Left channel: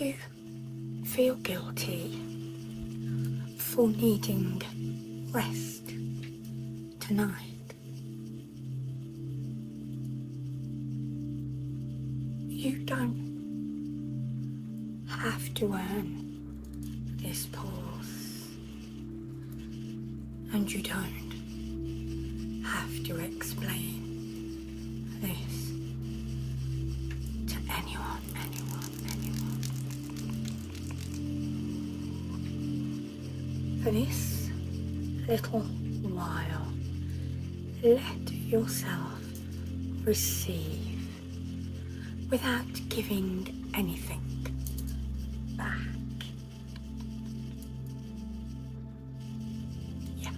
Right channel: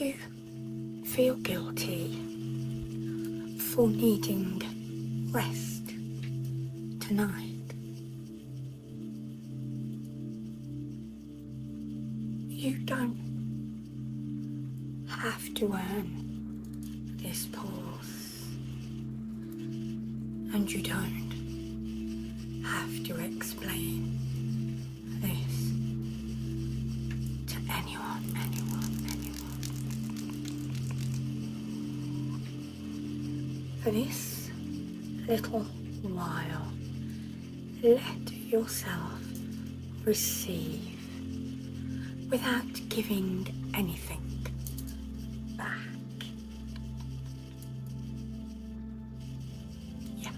you feel guilty for needing rest tonight? You don't have to earn this pause, and you don't have to explain this to anyone. For this little while, let yourself receive without giving anything back. Yeah.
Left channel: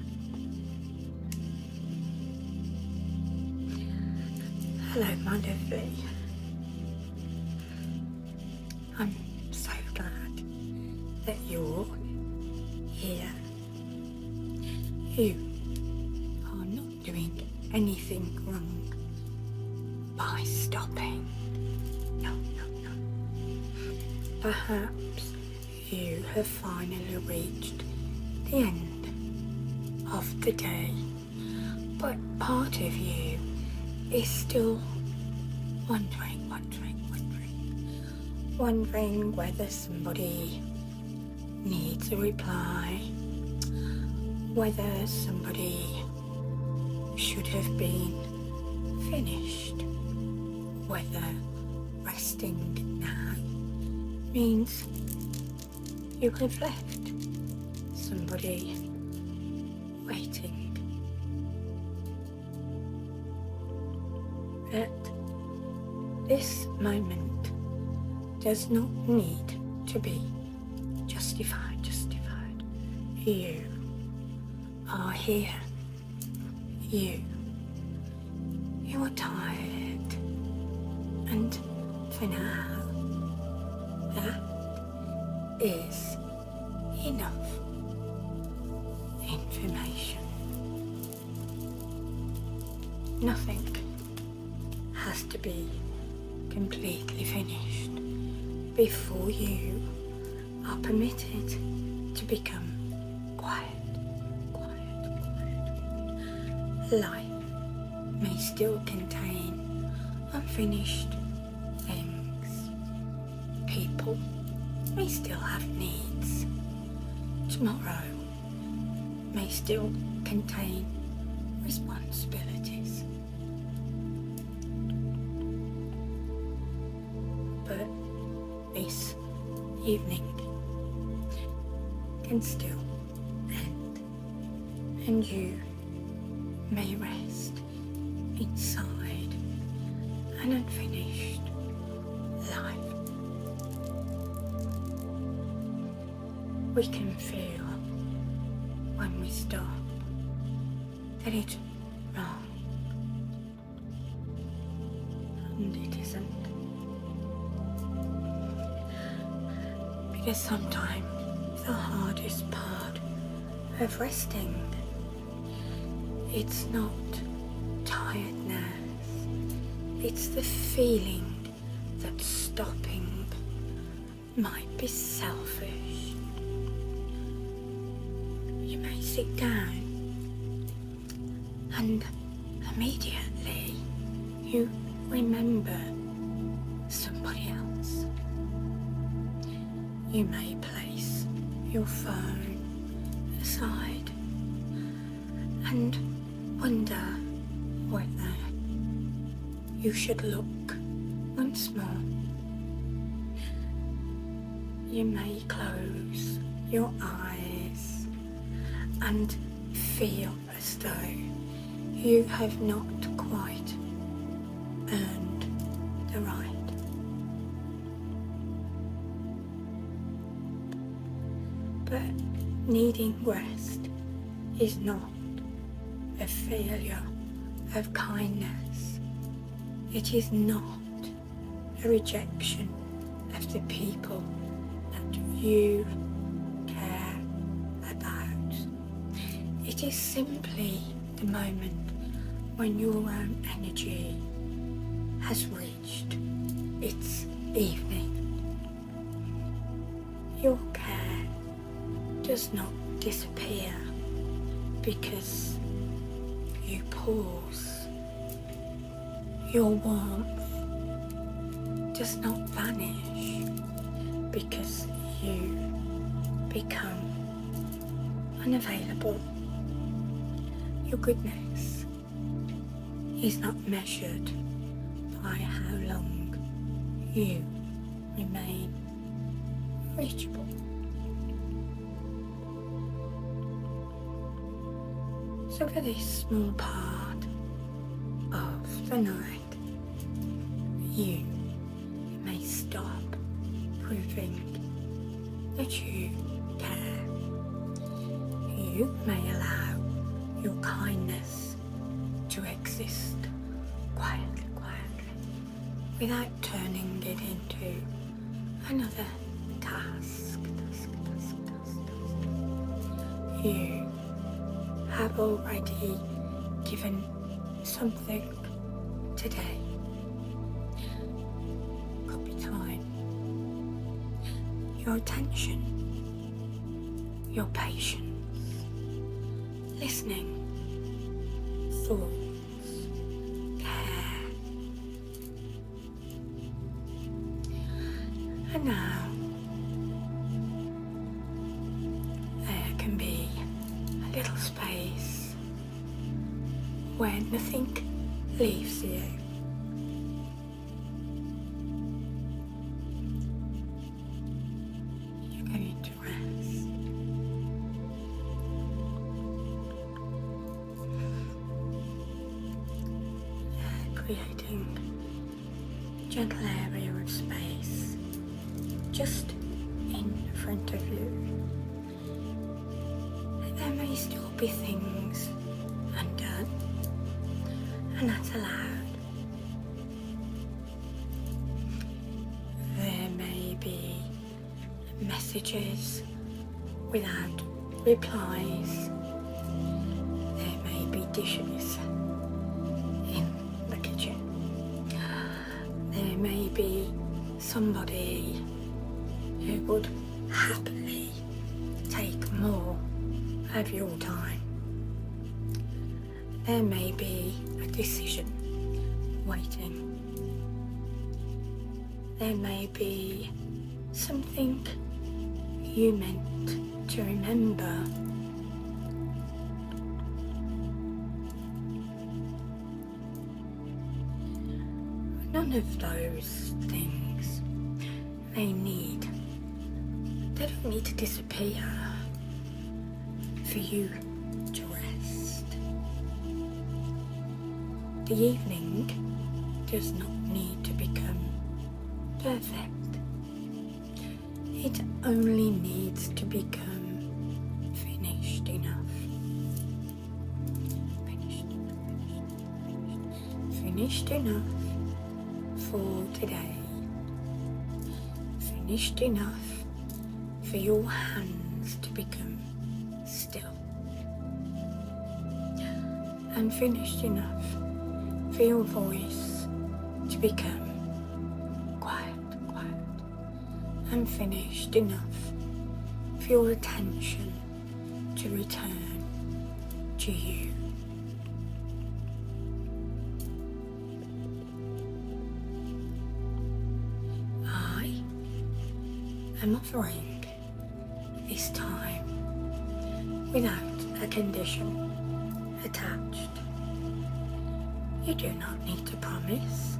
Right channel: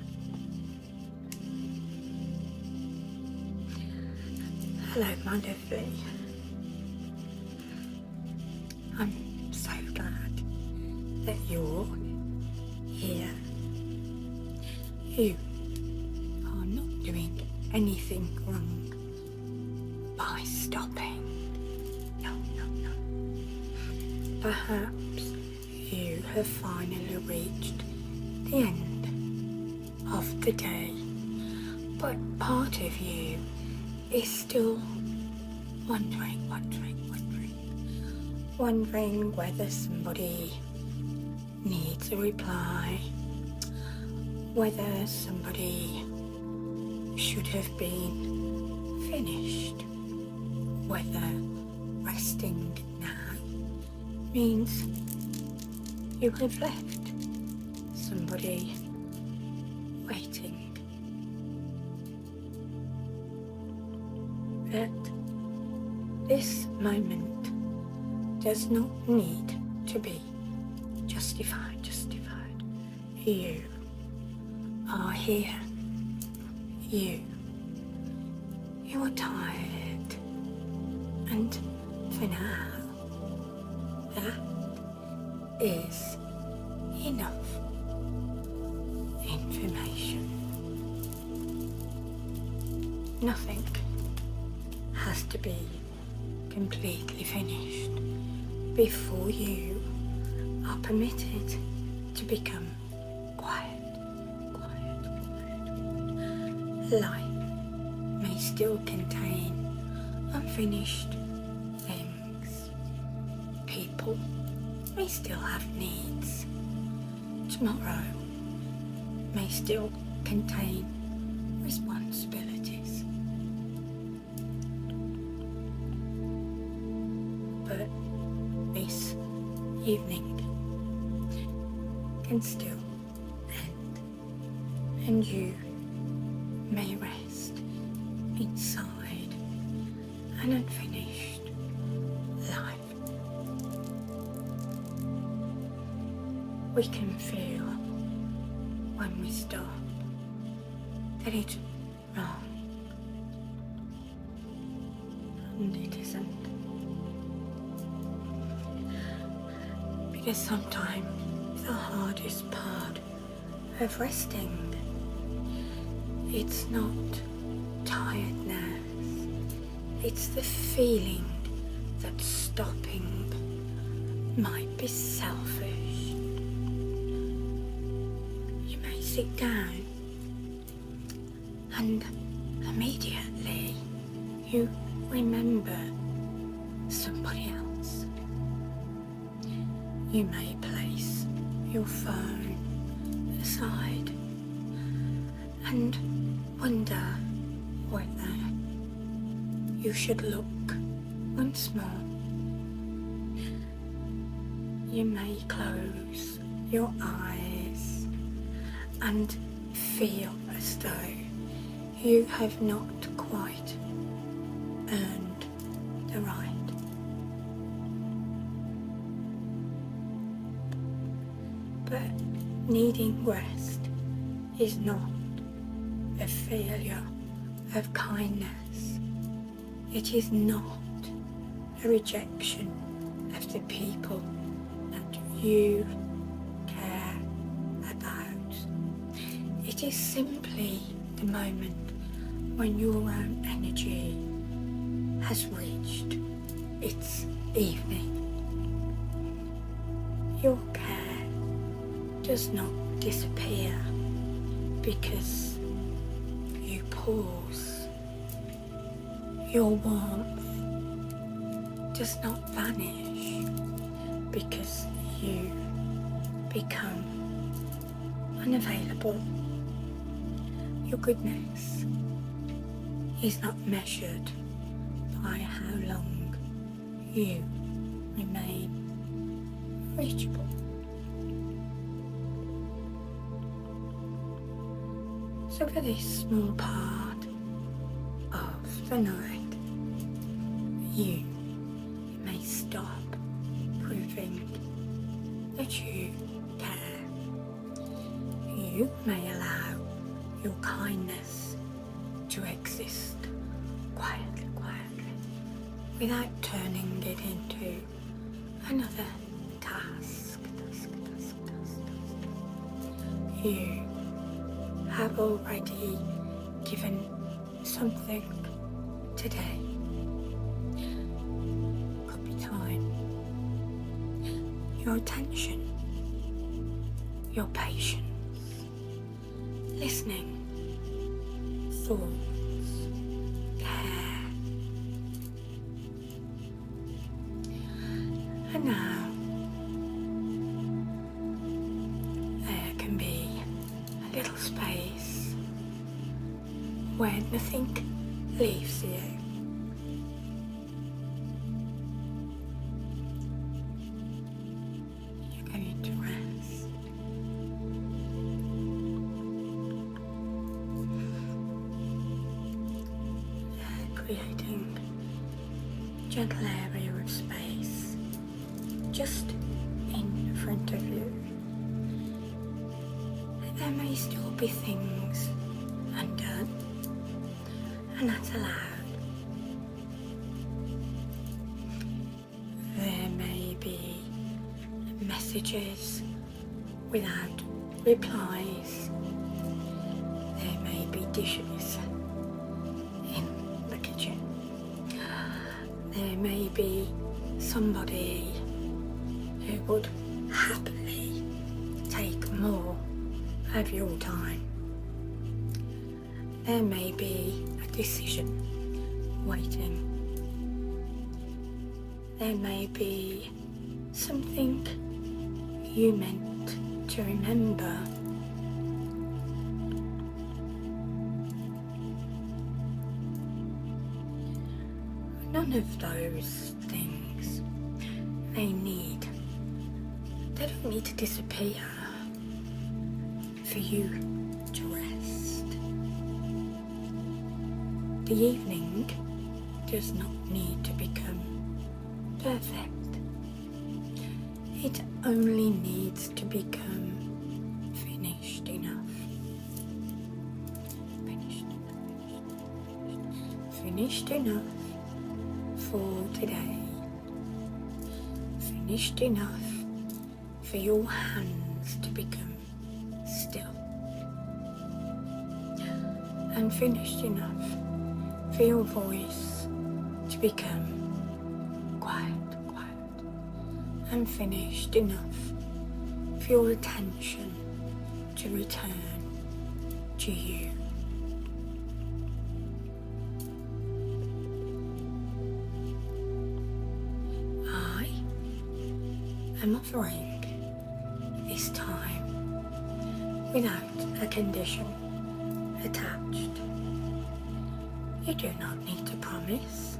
Hello, my lovely. I'm so glad that you're here. You are not doing anything wrong by stopping. No. Perhaps you have finally reached the end of the day, but part of you is still wondering whether somebody needs a reply, whether somebody should have been finished, whether resting now means you have left somebody waiting. At this moment does not need to be justified. You are here. You are tired, and for now, that is enough information. Nothing has to be completely finished before you are permitted to become quiet. Life may still contain unfinished things. People may still have needs. Tomorrow may still contain responsibilities. But this evening can still end, and you may rest inside an unfinished life. We can feel when we stop that it's wrong, and it isn't. Because sometimes the hardest part of resting, it's not tiredness, it's the feeling that stopping might be selfish. You may sit down and immediately you remember somebody else. You may place your phone aside and wonder whether you should look once more. You may close your eyes and feel as though you have not quite earned the right. But needing rest is not a failure of kindness. It is not a rejection of the people that you care about. It is simply the moment when your own energy has reached its evening. Your care does not disappear because you pause. Your warmth does not vanish because you become unavailable. Your goodness is not measured by how long you remain reachable. So for this small part of the night, you may stop proving that you care. You may allow your kindness to exist quietly, without turning it into another task. You have already given something today. Could be time, your attention, your patience, listening, thoughts, care. And now there can be a little space where nothing leaves you. You're going to rest. Creating a gentle area of space just in front of you. There may still be things undone, and that's allowed. There may be messages without replies. There may be dishes in the kitchen. There may be somebody who would happily take more of your time. There may be a decision waiting. There may be something you meant to remember. None of those things they don't need to disappear for you to rest. The evening does not need to become perfect. It only needs to become finished enough. Finished enough for today. Finished enough for your hands to become still. And finished enough for your voice to become quiet. And finished enough for your attention to return to you. I am offering this time without a condition attached. You do not need to promise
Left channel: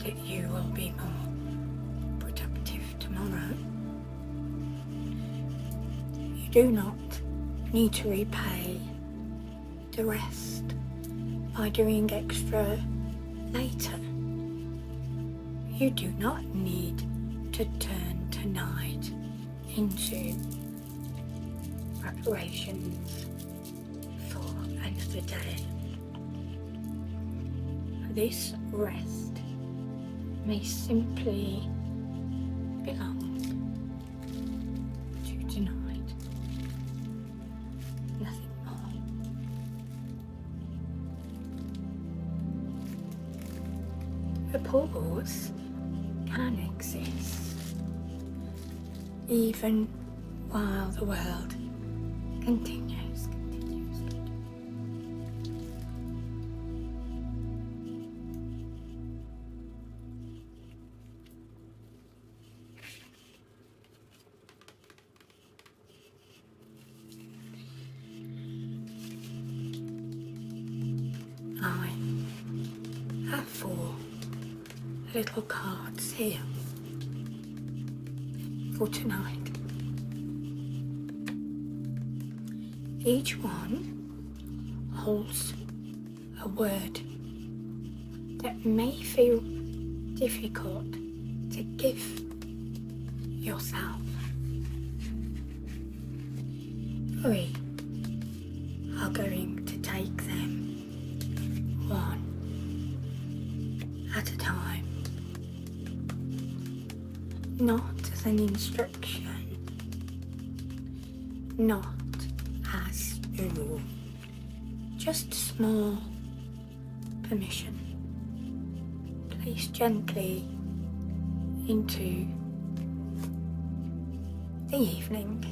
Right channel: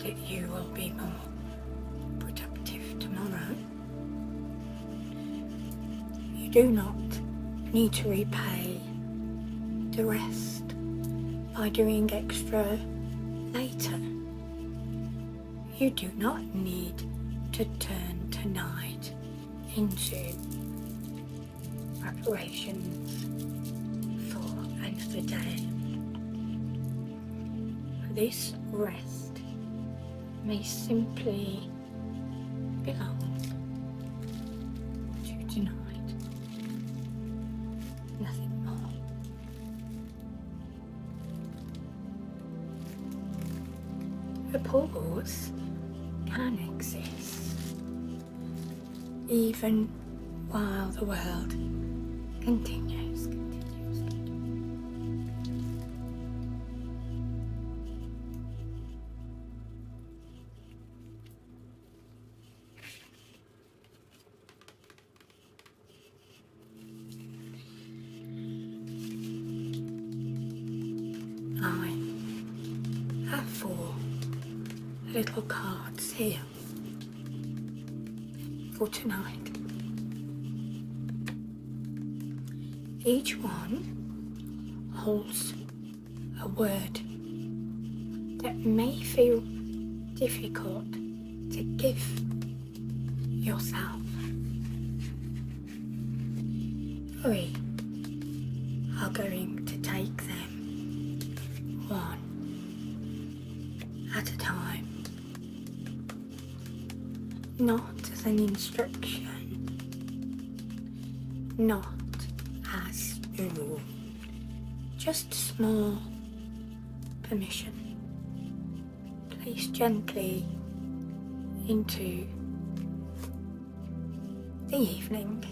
that you will be more productive tomorrow. You do not need to repay the rest by doing extra later. You do not need to turn tonight into preparations for another day. This rest may simply belong to tonight, nothing more. A pause can exist even while the world continues. I have 4 little cards here for tonight. Each one holds a word that may feel difficult to give yourself. We are going to take them one at a time, not as an instruction, not as a rule, just small permission. Place gently into the evening.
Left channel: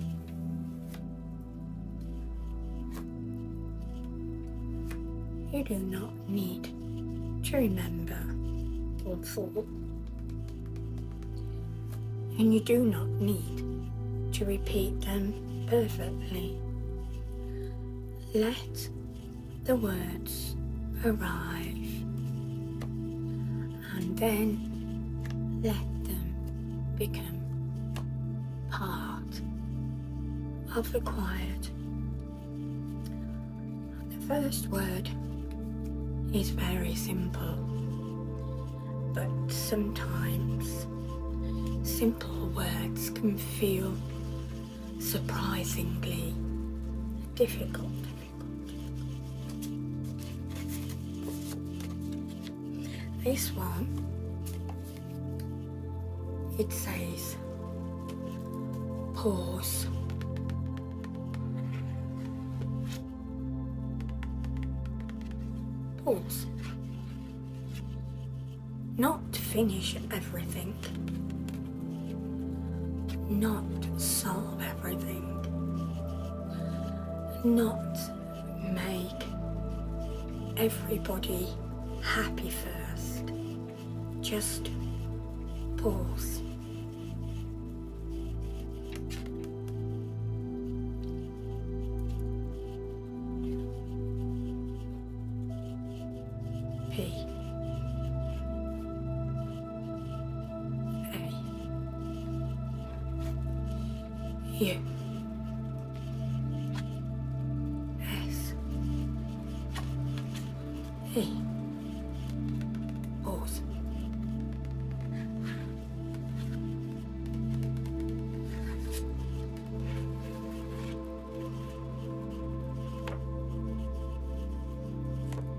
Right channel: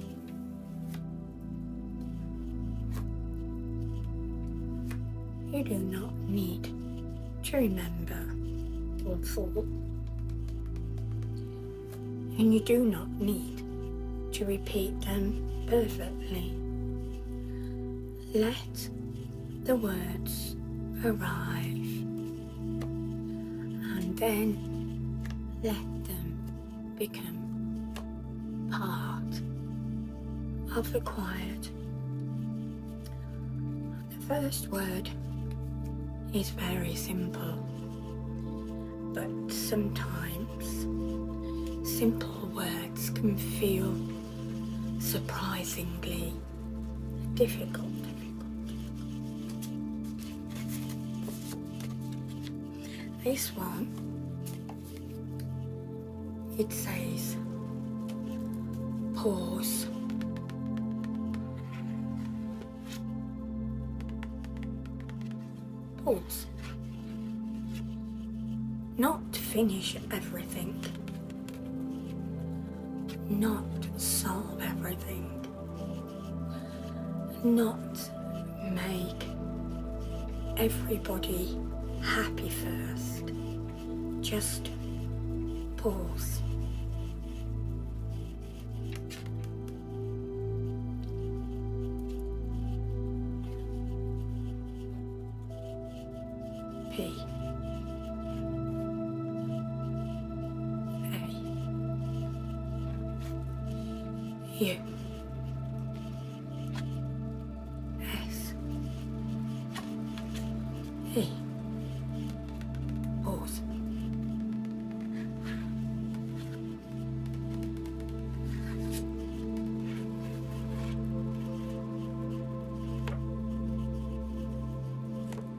You do not need to remember all 4, and you do not need to repeat them perfectly. Let the words arrive, and then let them become part of the quiet. The first word is very simple, but sometimes simple words can feel surprisingly difficult. This one, it says pause. Pause. Not finish everything. Not solve everything. Not make everybody happy first. Just pause. P A U S E. Pause.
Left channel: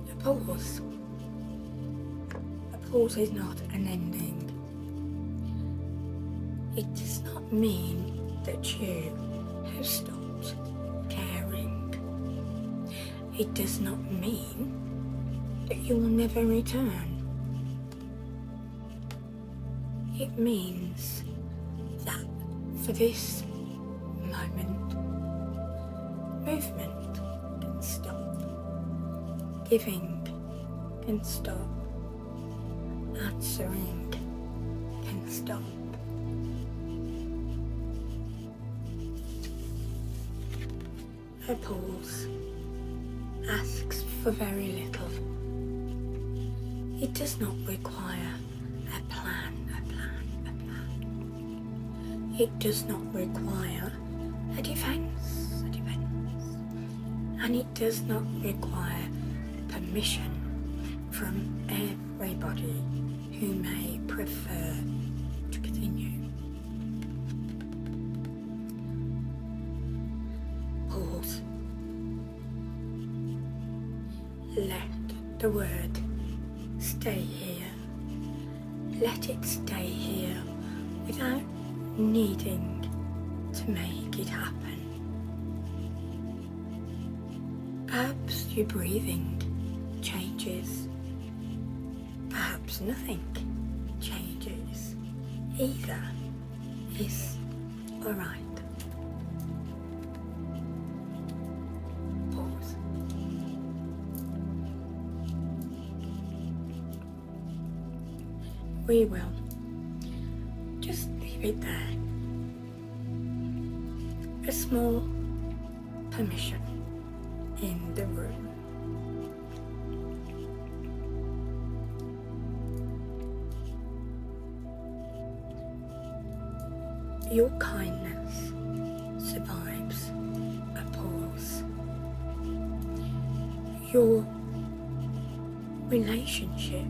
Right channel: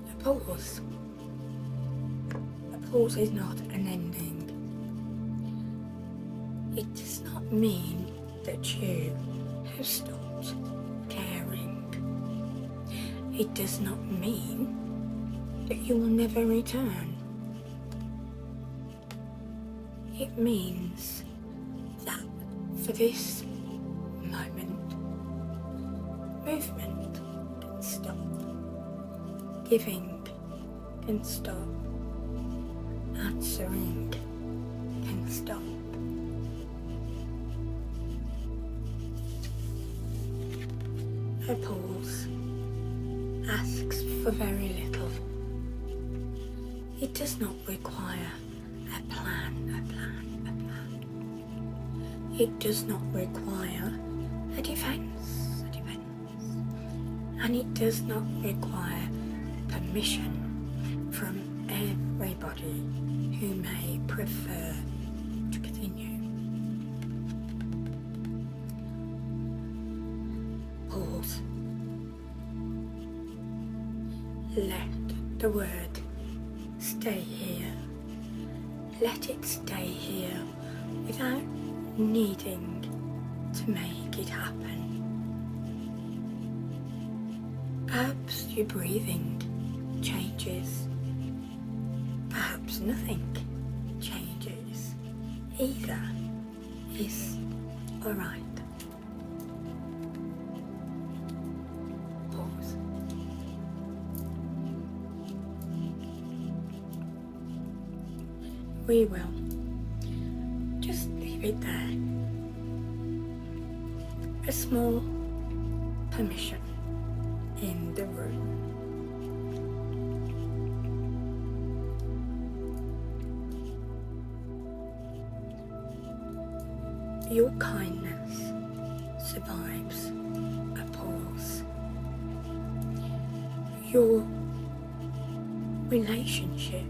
A pause. A pause is not an ending. It does not mean that you have stopped caring. It does not mean that you will never return. It means that for this moment, movement can stop, giving can stop, answering can stop. A pause asks for very little. It does not require a plan. It does not require a defense. And it does not require permission from everybody who may prefer to continue. Pause. Let the word stay here. Let it stay here without needing to make it happen. Perhaps your breathing changes. Perhaps nothing changes. Either is Alright. Pause. We will just leave it there. A small permission in the room. Your kindness survives a pause. Your relationship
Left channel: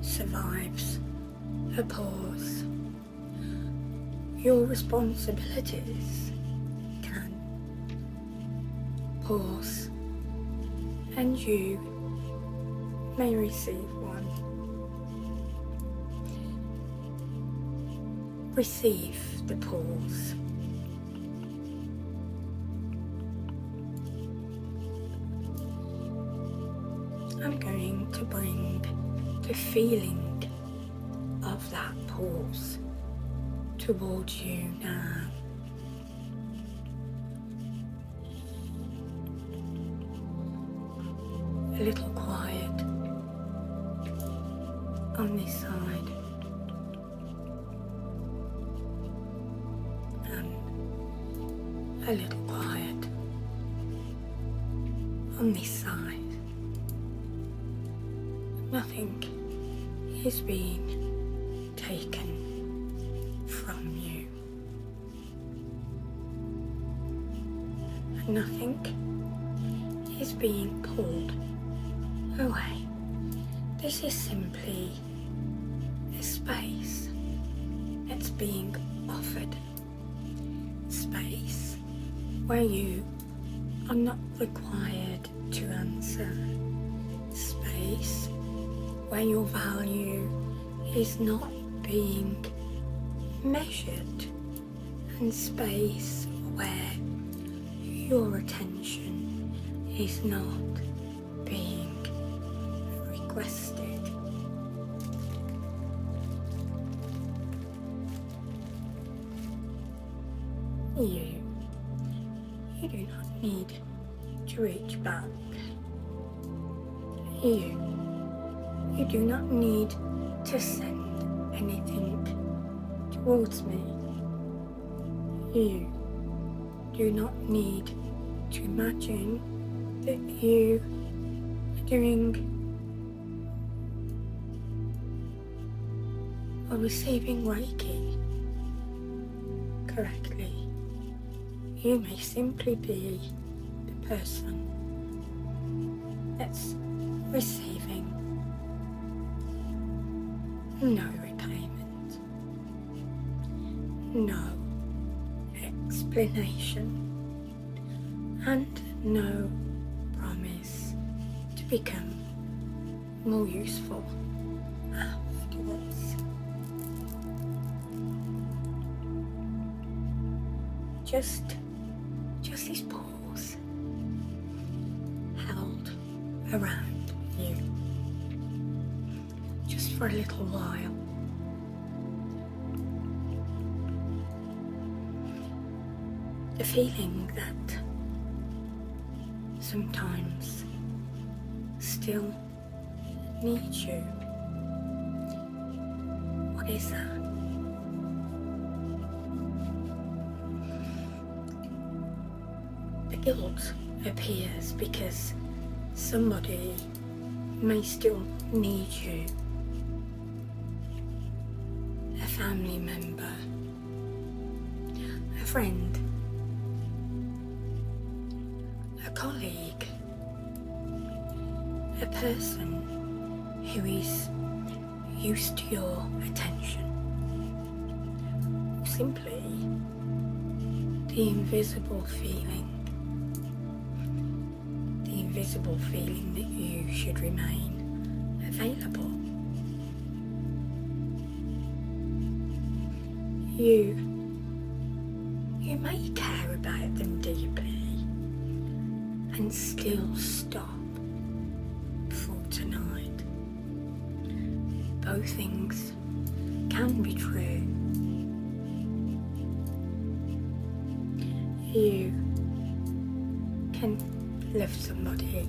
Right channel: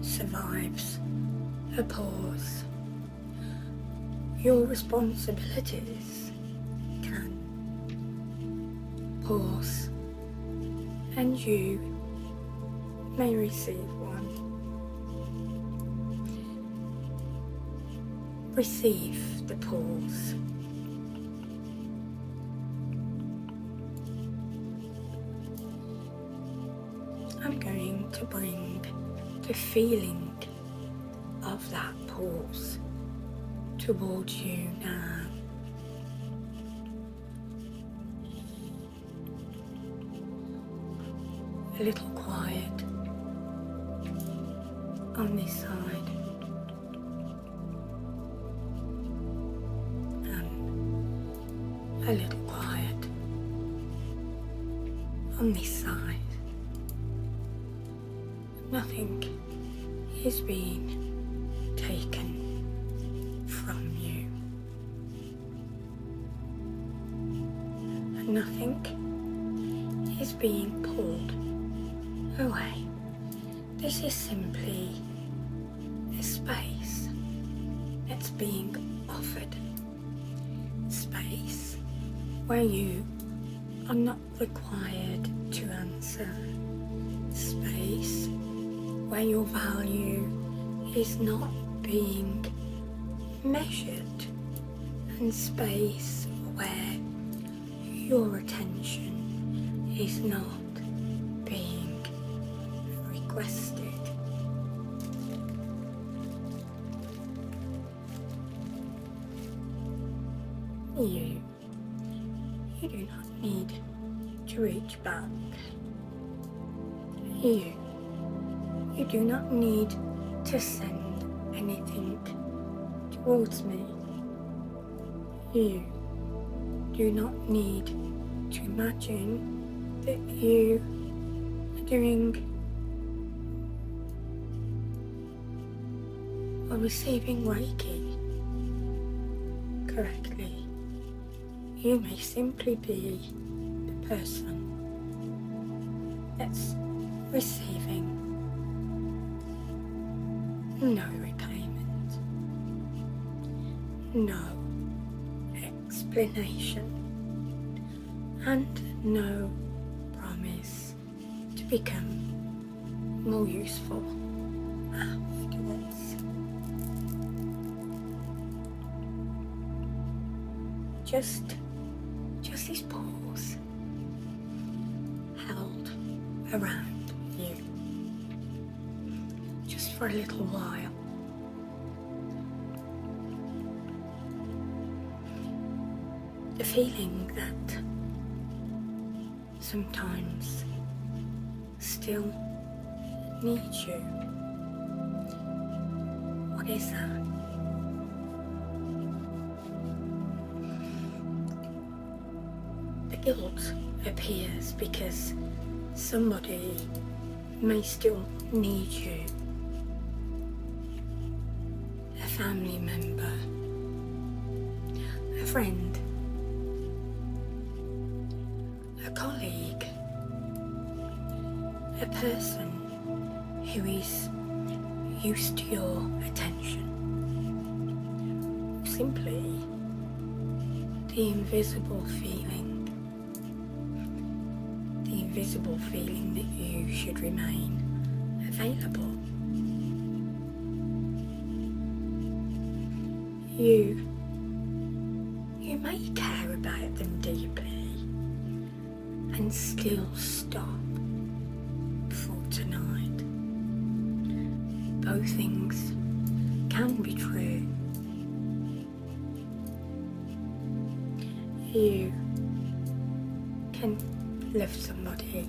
survives a pause. Your responsibilities can pause, and you may receive one. Receive the pause. I'm going to bring the feeling of that pause towards you now. A little quiet on this side. A little quiet on this side. Nothing is being taken from you. And nothing is being pulled away. This is simply a space that's being offered. Space where you are not required to answer. Space where your value is not being measured. And space where your attention is not being requested. You do not need to reach back. You do not need to send anything towards me. You do not need to imagine that you are doing or receiving Reiki correctly. You may simply be the person that's receiving no repayment, no explanation, and no promise to become more useful afterwards. Just this pause held around you, just for a little while. The feeling that sometimes still needs you. What is that? The guilt appears because somebody may still need you. A family member, a friend, a colleague, a person who is used to your attention. Simply the invisible feeling that you should remain available. You may care about them deeply and still stop for tonight. Both things can be true. You can love somebody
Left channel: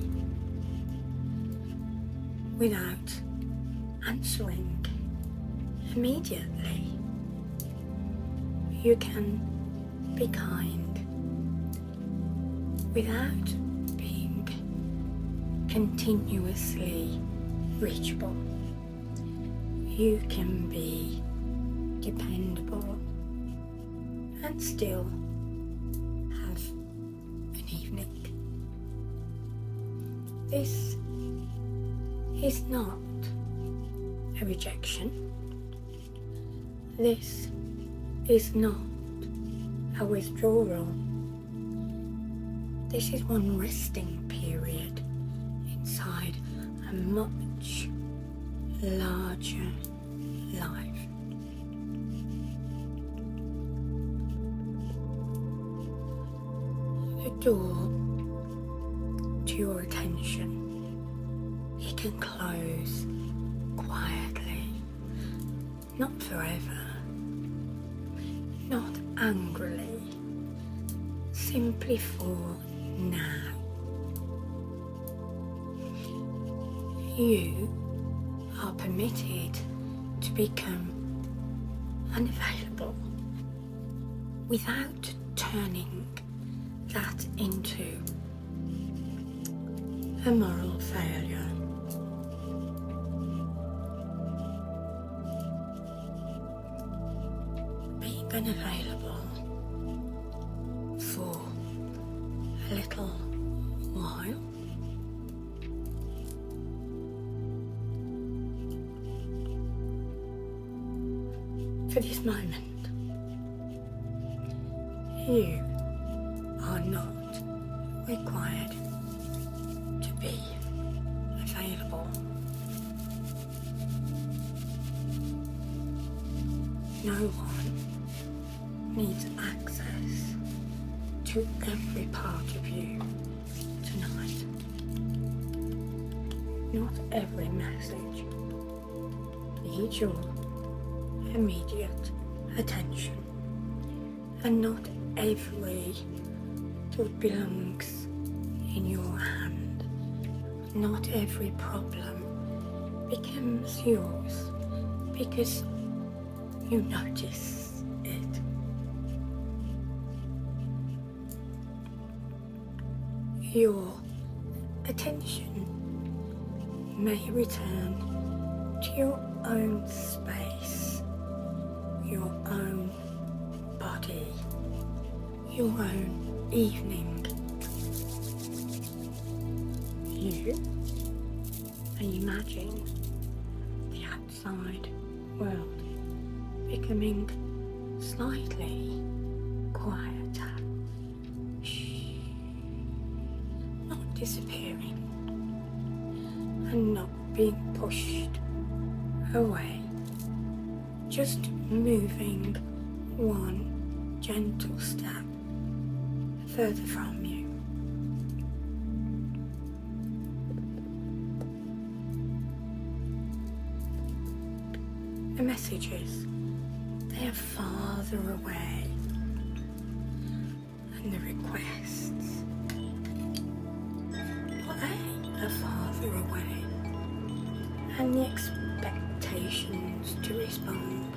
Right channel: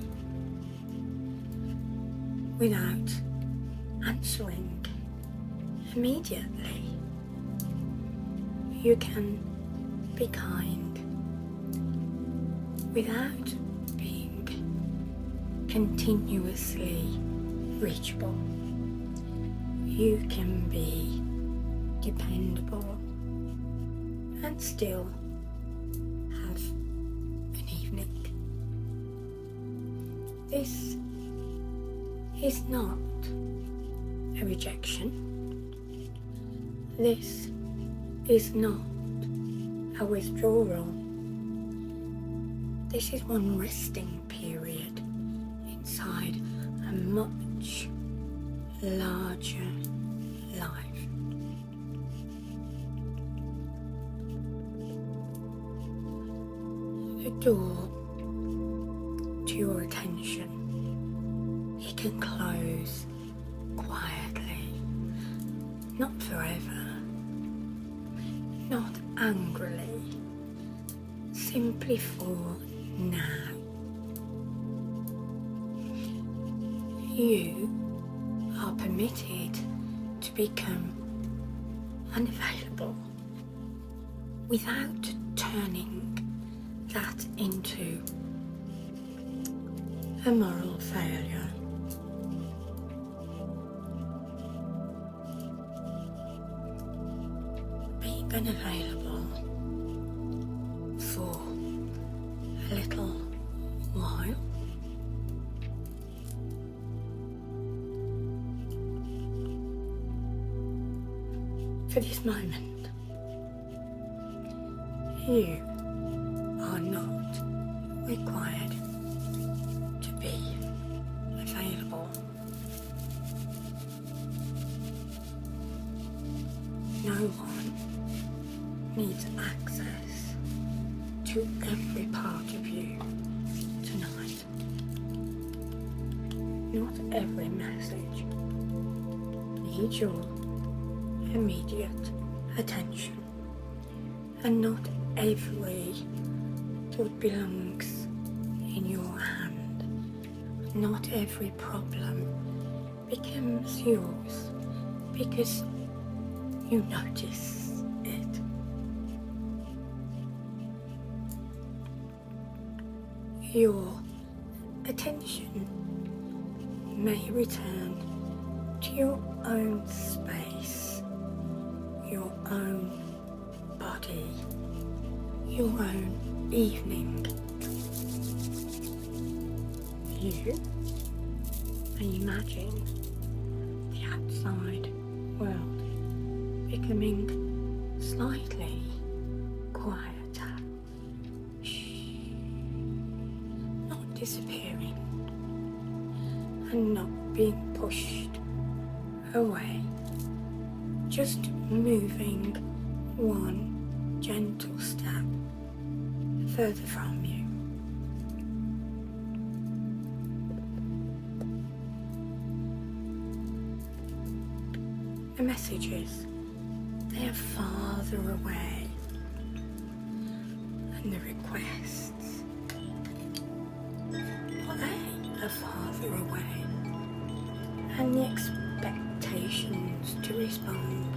without answering immediately. You can be kind without being continuously reachable. You can be dependable and still have an evening. This is not a rejection. This is not a withdrawal. This is one resting period inside a much larger life. The door to your attention, it can close quietly, not forever, not angrily, simply for now. You are permitted to become unavailable without turning that into a moral failure. Being unavailable for a little while for this moment. You are not required to be available. No one needs access to every part of you tonight. Not every message needs your immediate attention, and not every thought belongs in your hand. Not every problem becomes yours because you notice it. Your attention may return to your own space, your own body, your own evening. You may imagine the outside world becoming slightly quieter, not disappearing and not being pushed away, just moving one gentle step further from you. The messages, they are farther away, and the requests, well, they are farther away, and the expectations to respond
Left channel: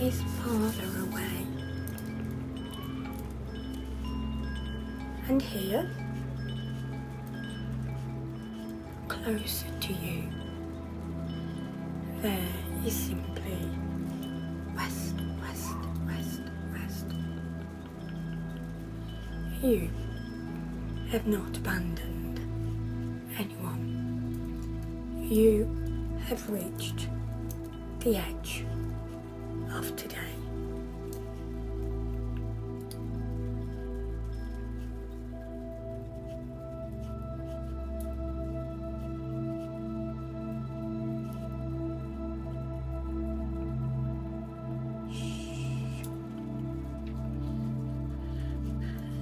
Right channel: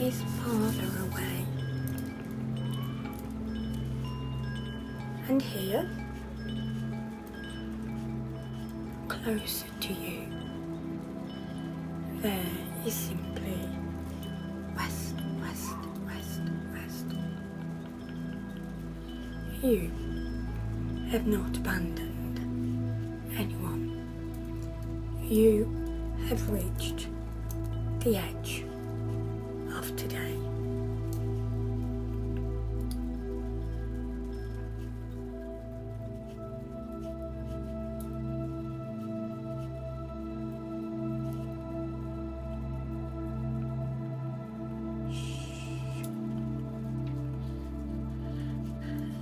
is farther away. And here, closer to you, there is simply rest, rest, rest, rest. You have not abandoned anyone. You have reached the edge of today.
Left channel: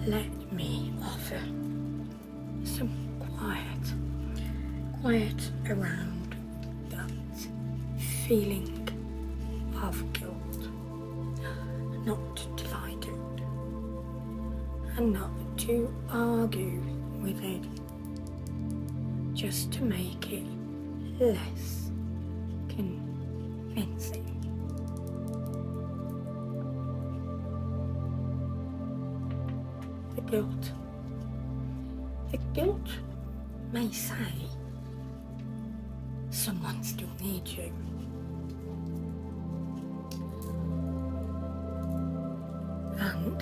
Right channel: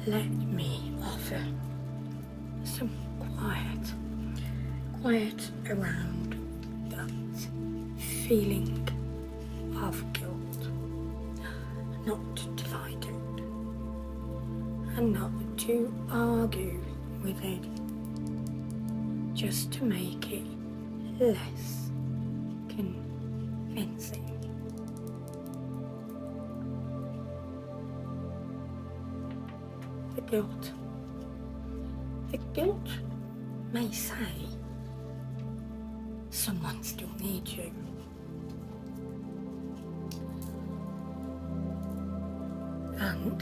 Let me offer some quiet around that feeling of guilt, not to fight it, and not to argue with it, just to make it less convincing. The guilt. The guilt may say someone still needs you. And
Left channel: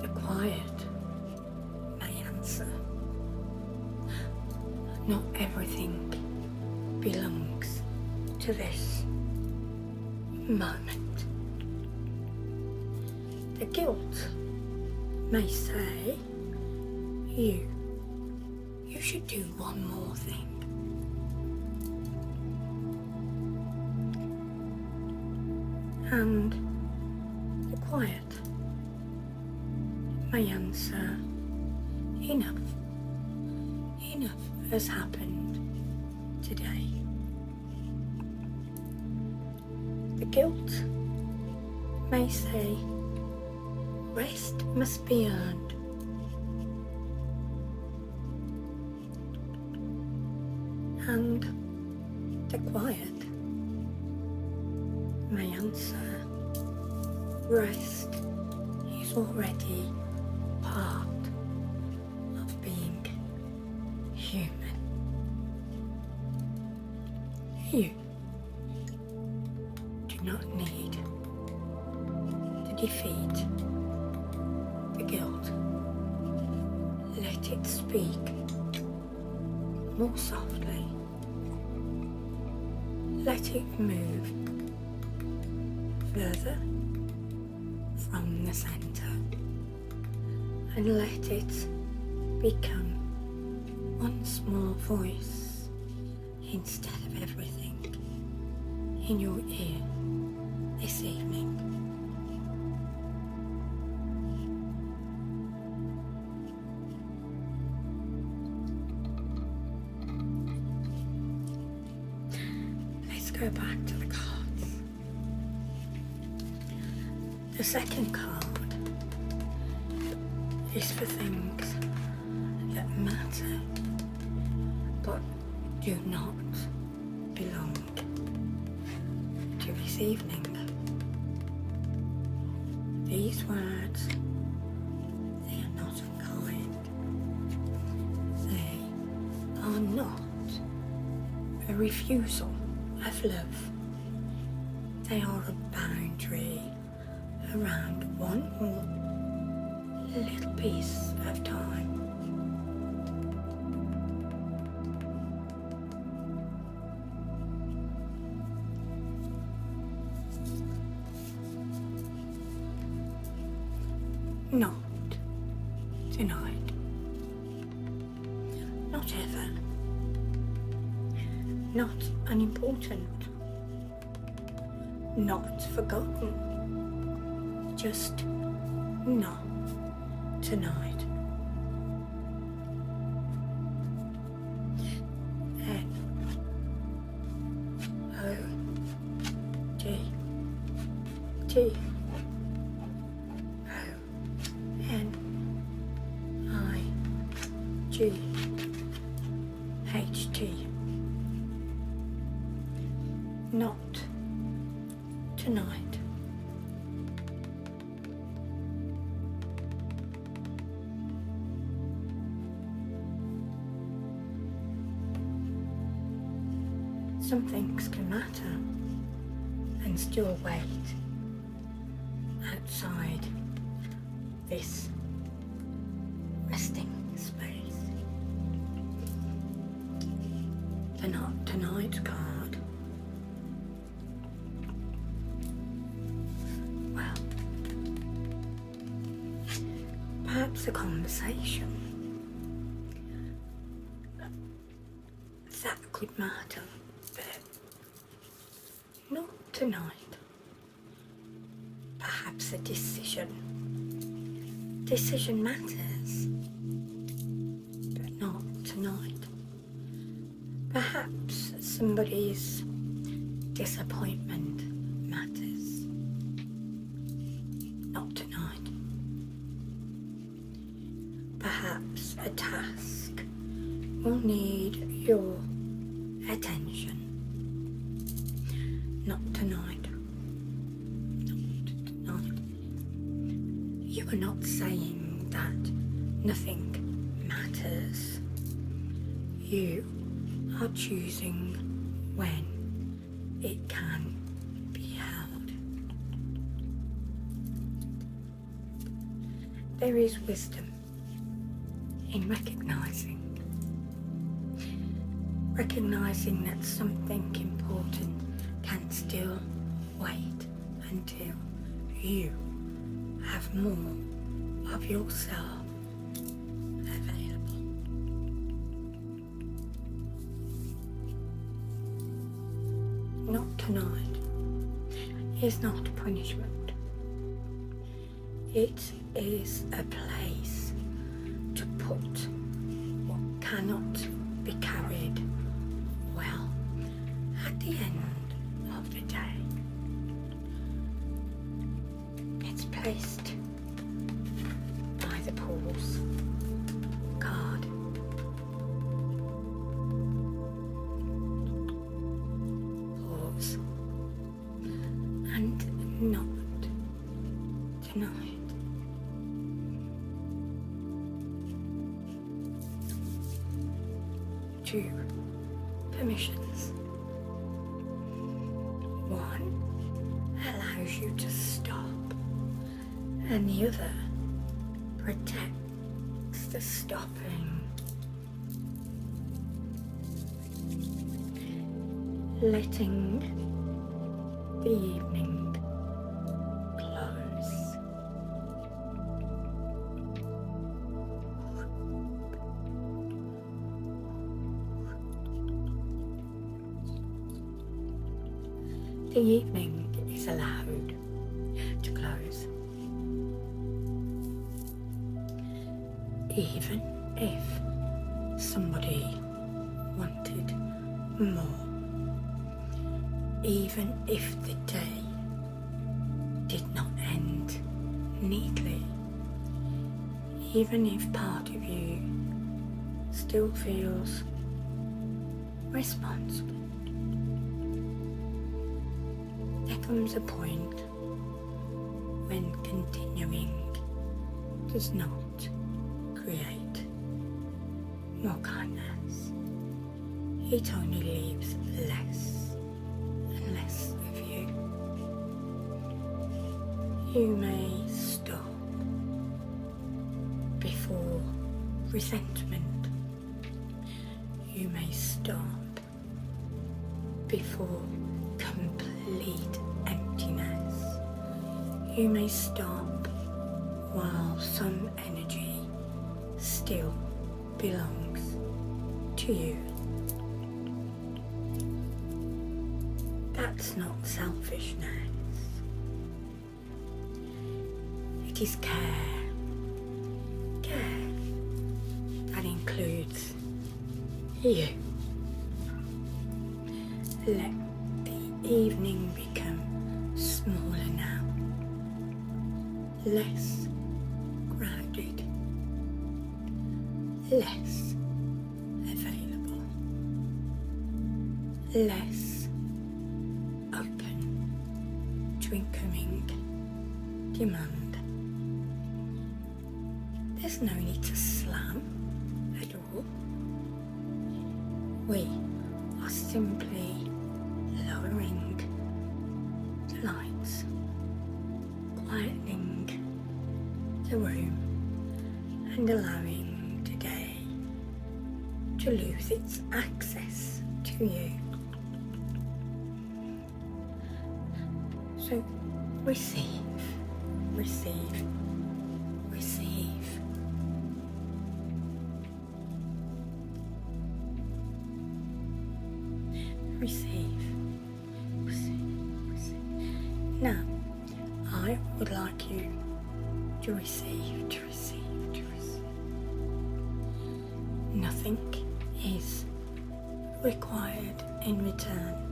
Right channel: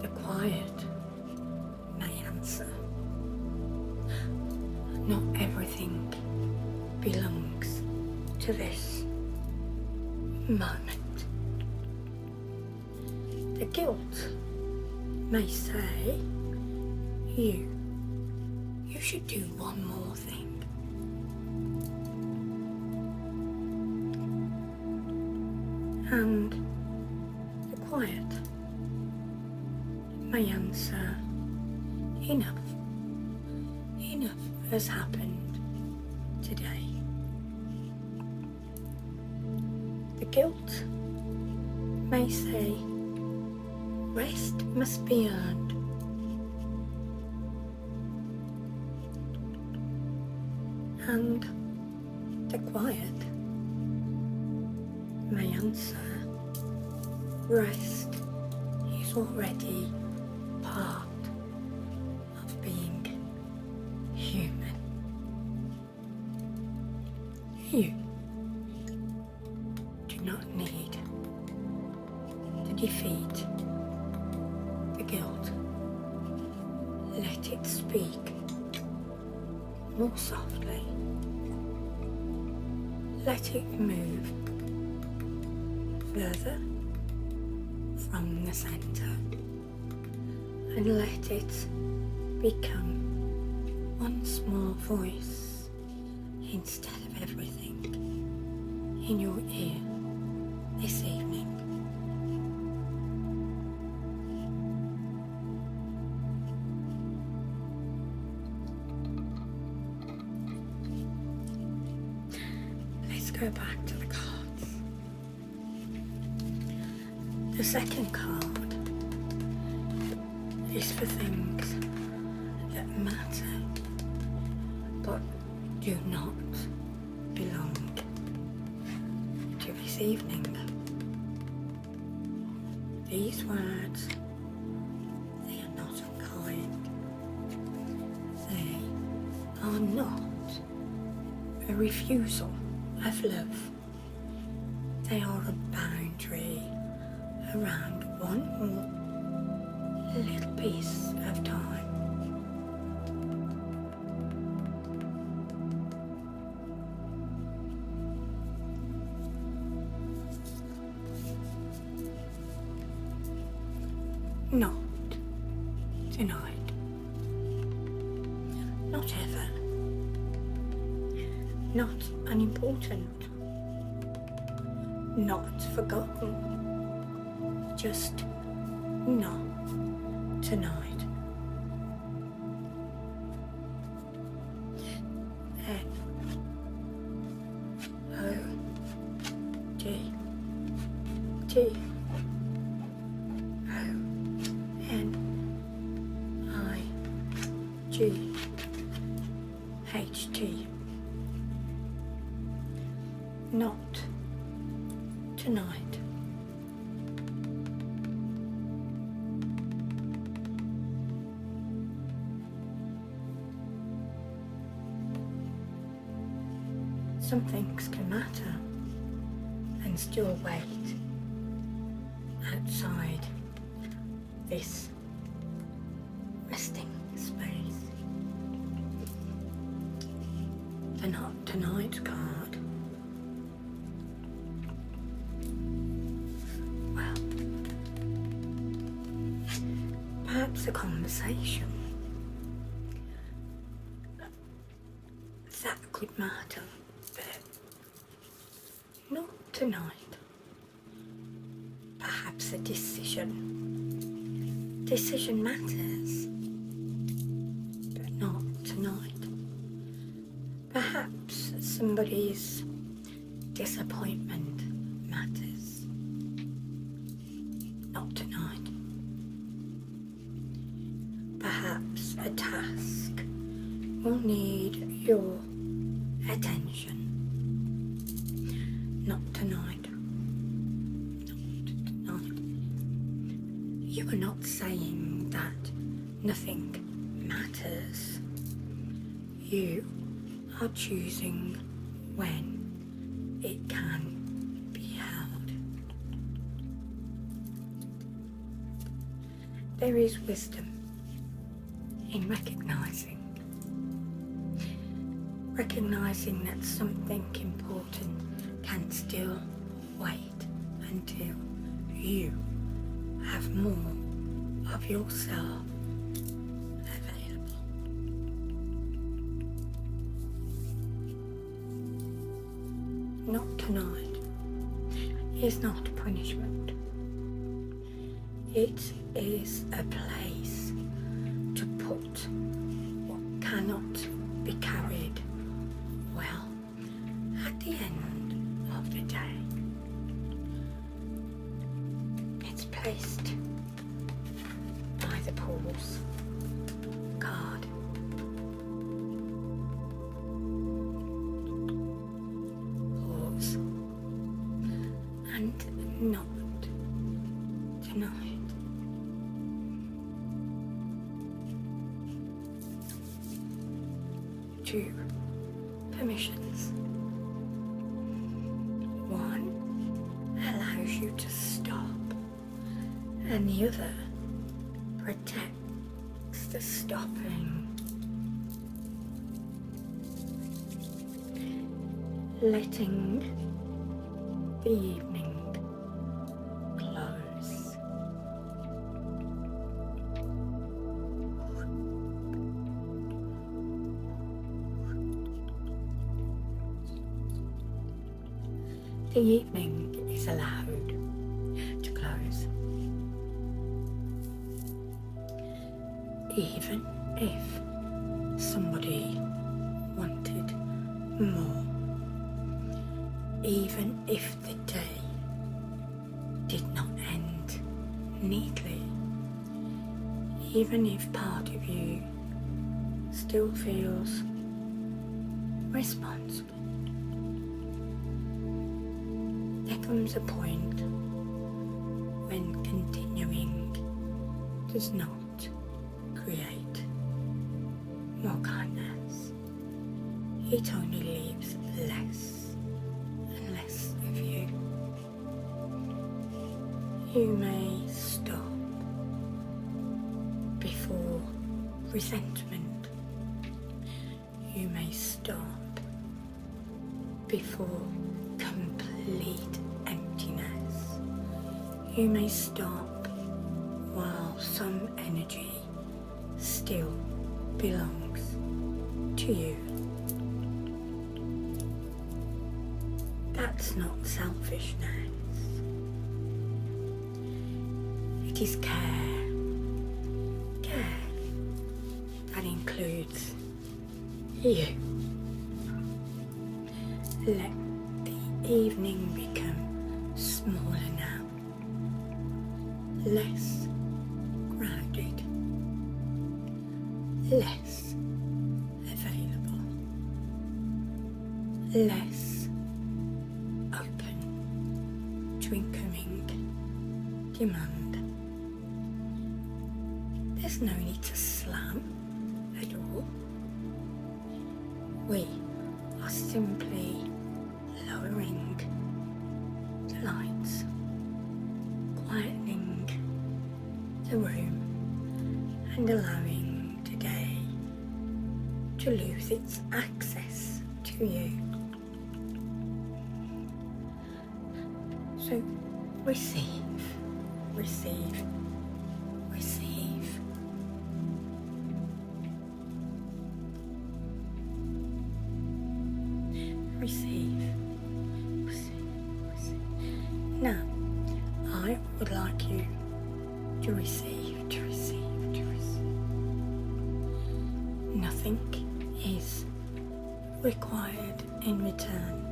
the quiet may answer, not everything belongs to this moment. The guilt may say, you should do one more thing. And the quiet may answer, enough has happened today. The guilt may say, rest must be earned. And the quiet may answer, rest is already part of being human. You do not need to defeat the guilt. Let it speak more softly. Let it move further from the center, and let it become one small voice instead of everything in your ear this evening. Let's go back to the cards. The second card is for things that matter but do not belong to this evening. These words, they are not unkind. They are not a refusal of love. They are a boundary around one more little piece of time. Not tonight. Not ever. Not unimportant. Not forgotten. Just not tonight. N-O-G-T O-N-I-G-H-T. Not tonight. Some things can matter and still wait outside this resting space. The not tonight card. Well, perhaps a conversation that could matter, but not tonight. Perhaps a decision. Decision matters, but not tonight. Perhaps somebody's disappointment matters, not tonight. a task will need your attention. Not tonight. Not tonight. You are not saying that nothing matters. You are choosing when it can be held. There is wisdom in recognizing that something important can still wait until you have more of yourself available. Not tonight is not punishment. It is a place to put what cannot be carried well at the end of the day. It's placed by the pause card. Pause and not tonight. Two permissions. One allows you to stop, and the other protects the stopping. Letting the evening close. The evening is allowed to close, even if somebody wanted more, even if the day did not end neatly, even if part of you still feels responsible. There comes a point when continuing does not create more kindness. It only leaves less and less of you. You may stop before resentment. You may stop before complete emptiness. You may stop while some energy still belongs to you. That's not selfishness. It is care. Care that includes you. Let the evening become smaller now, less crowded, less available, less open to incoming demand. There's no need to slam at all. We are simply lowering the lights, quietening the room, and allowing the day to lose its access to you. So receive, receive, receive. Receive, receive, receive. Now, I would like you to receive, to receive, to receive. Nothing is required in return.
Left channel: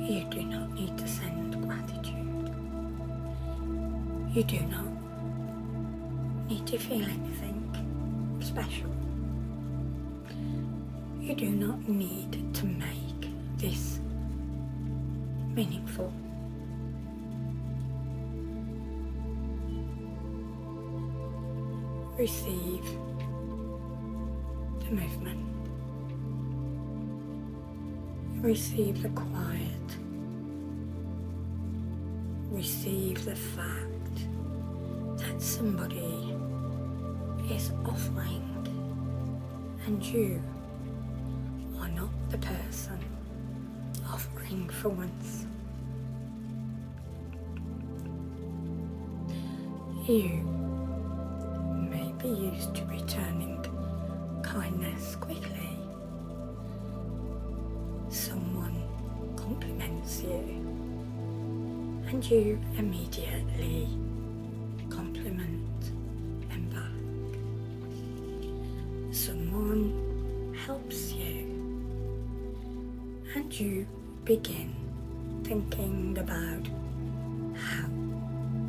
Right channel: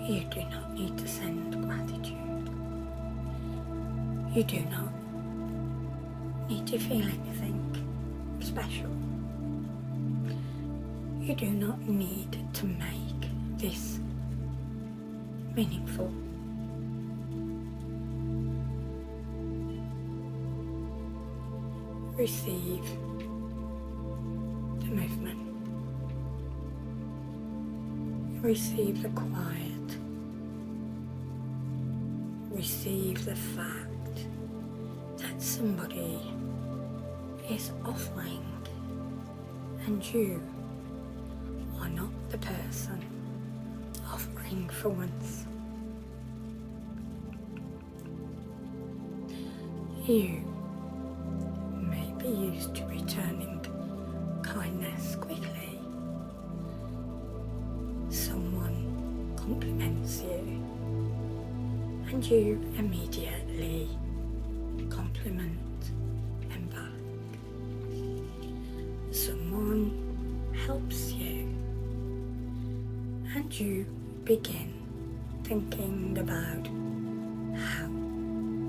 You do not need to send gratitude. You do not need to feel anything. special. You do not need to make this meaningful. Receive the movement. Receive the quiet. Receive the fact that somebody is offering and you are not the person offering for once. You may be used to returning kindness quickly. Someone compliments you and you immediately compliment them back. Someone helps you and you begin thinking about how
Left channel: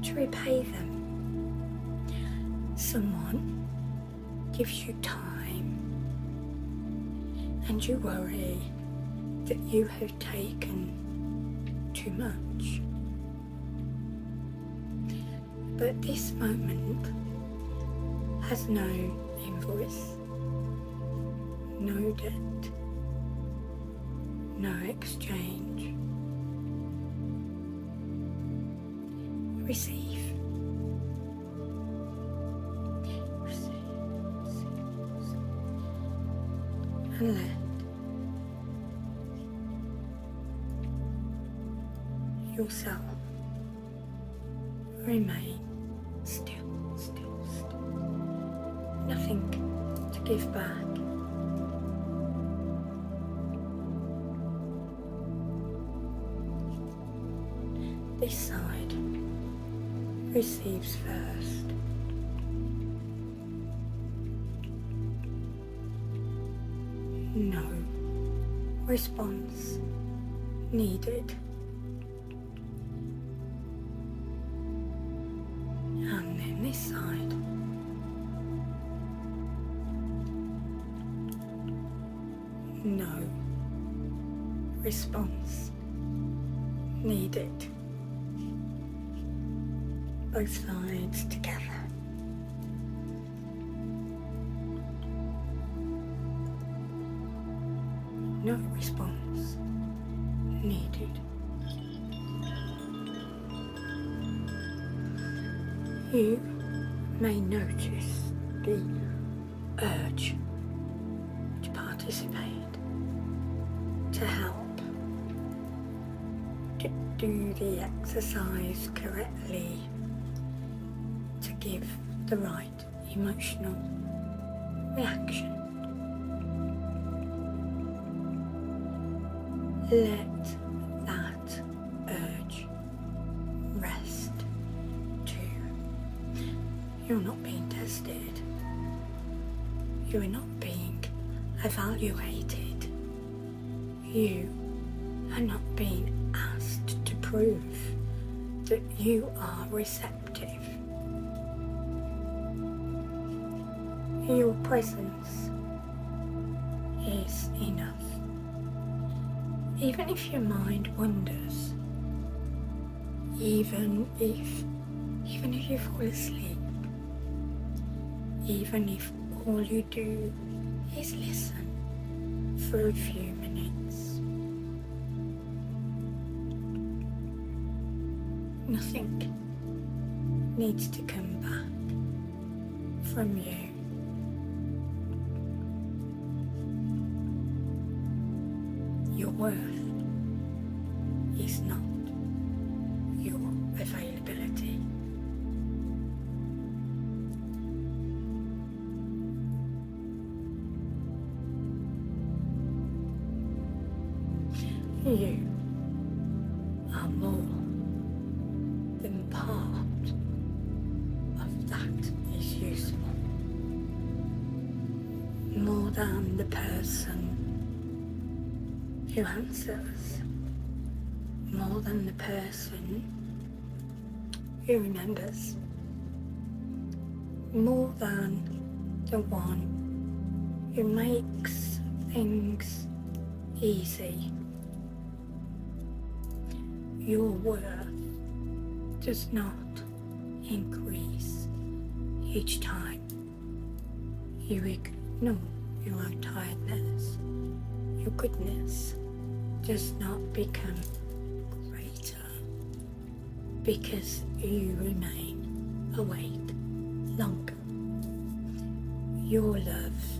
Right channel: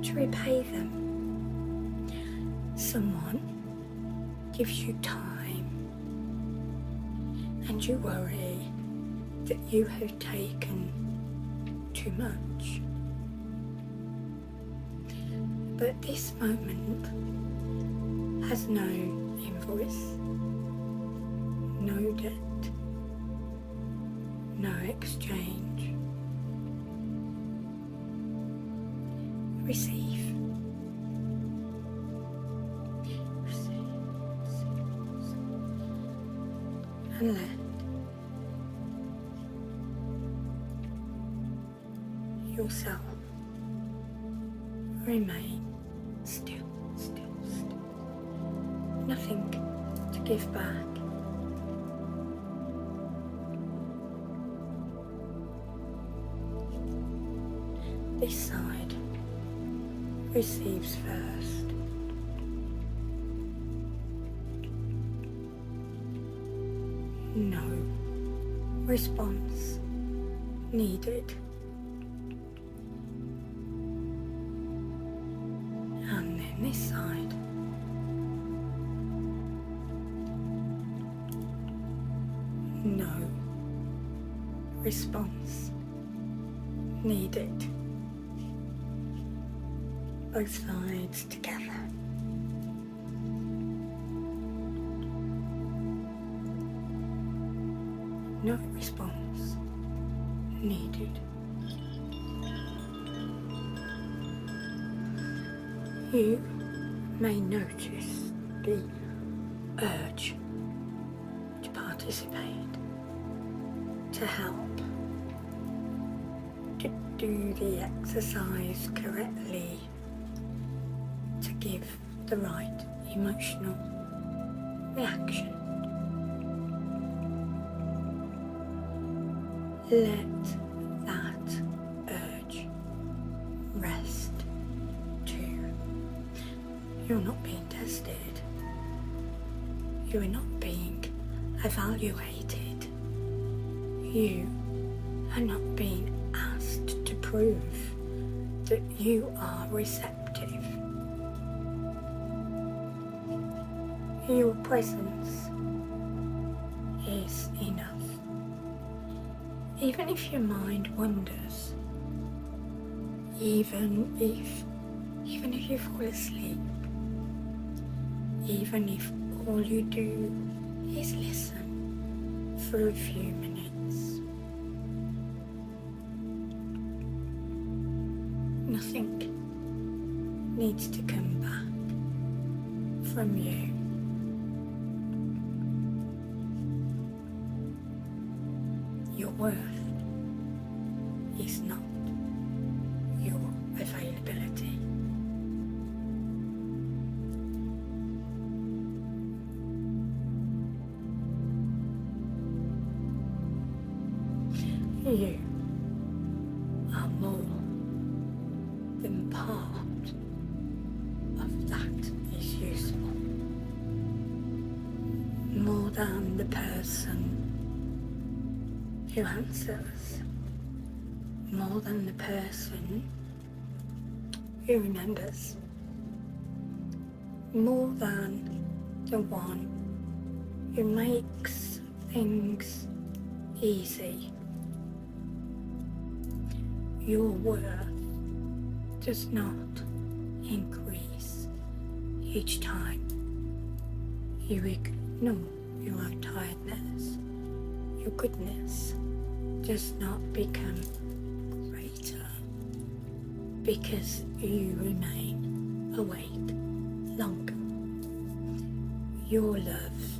to repay them. Someone gives you time and you worry that you have taken too much. But this moment has no invoice, no debt, no exchange. Receive. And let yourself remain still. Nothing to give back. This side receives first. No response needed. And then this side. No response needed. Both sides together. No response needed. You may notice the urge to participate, to help, to do the exercise correctly, to give the right emotional reaction. Let that urge rest too. You're not being tested. You are not being evaluated. You are not being asked to prove that you are receptive. Your presence is enough. Even if your mind wanders, even if you fall asleep, even if all you do is listen for a few minutes, nothing needs to come back from you. Your worth is not your availability. You are more than part of that is useful. More than the person who answers, more than the person who remembers, more than the one who makes things easy. Your worth does not increase each time you ignore your own tiredness. Your goodness does not become greater because you remain awake longer. Your love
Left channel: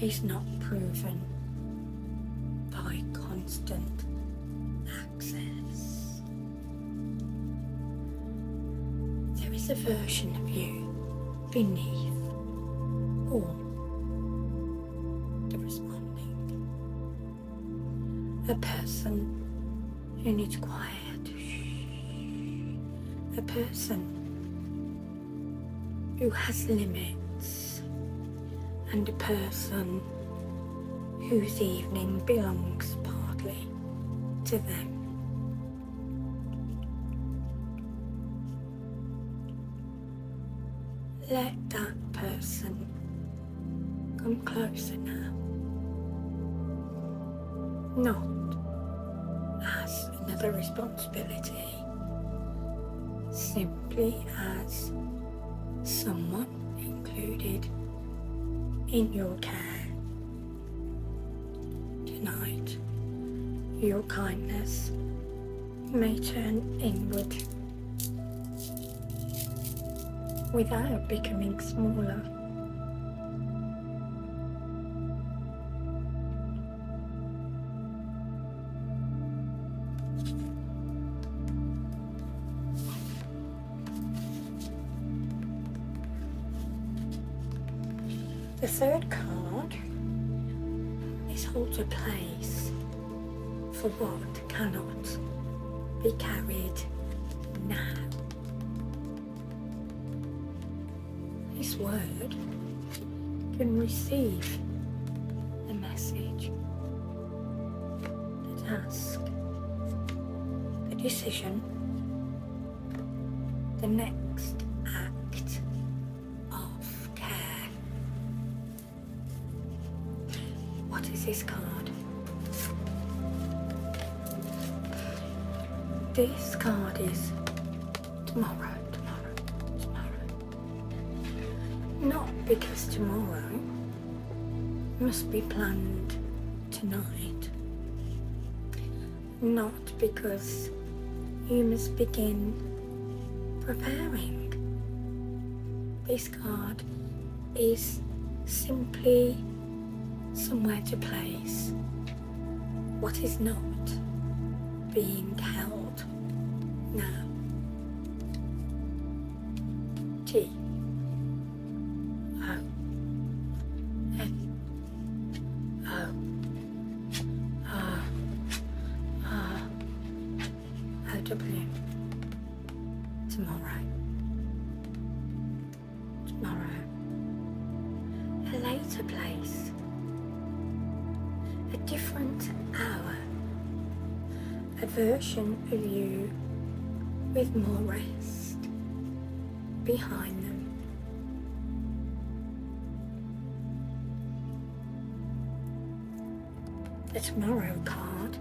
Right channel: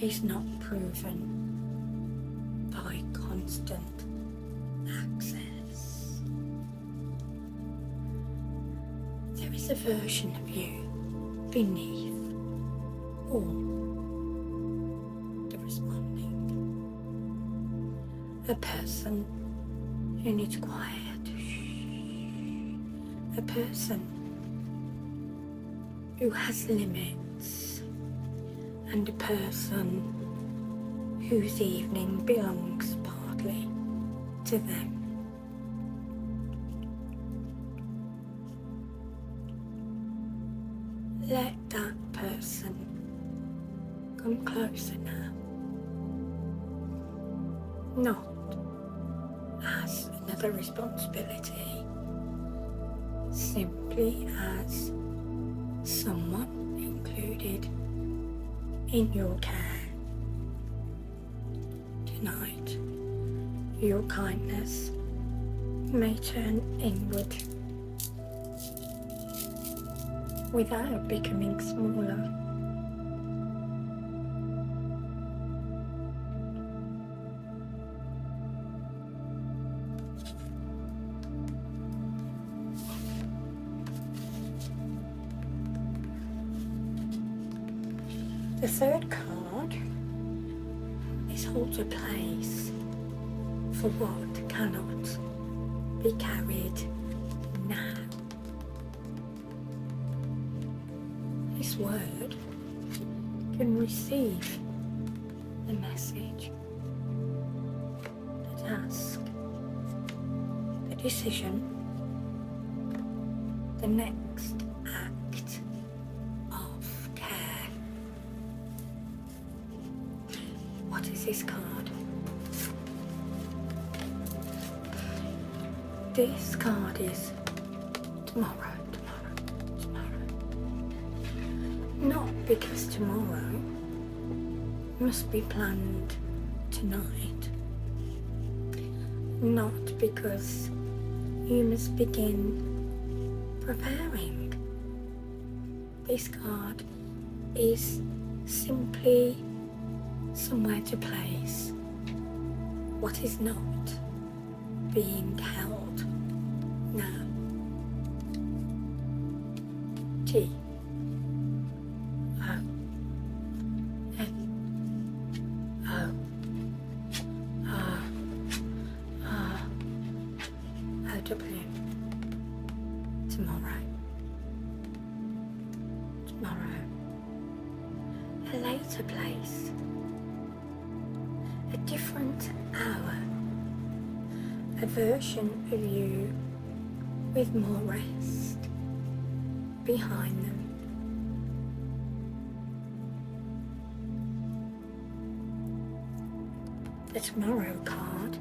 is not proven by constant access. There is a version of you beneath all the responding. A person who needs quiet. A person who has limits, and a person whose evening belongs partly to them. Let that person come closer now, not as another responsibility, simply as someone included in your care. Tonight, your kindness may turn inward without becoming smaller. The third card is holds a place for what cannot be carried now. This word can receive a message that asks the decision, the next act of care. What is this card? This card is tomorrow. Not because tomorrow must be planned tonight. Not because you must begin preparing. This card is simply somewhere to place what is not being held now. T. Tomorrow. A later place. A different hour. A version of you with more rest behind them. The tomorrow card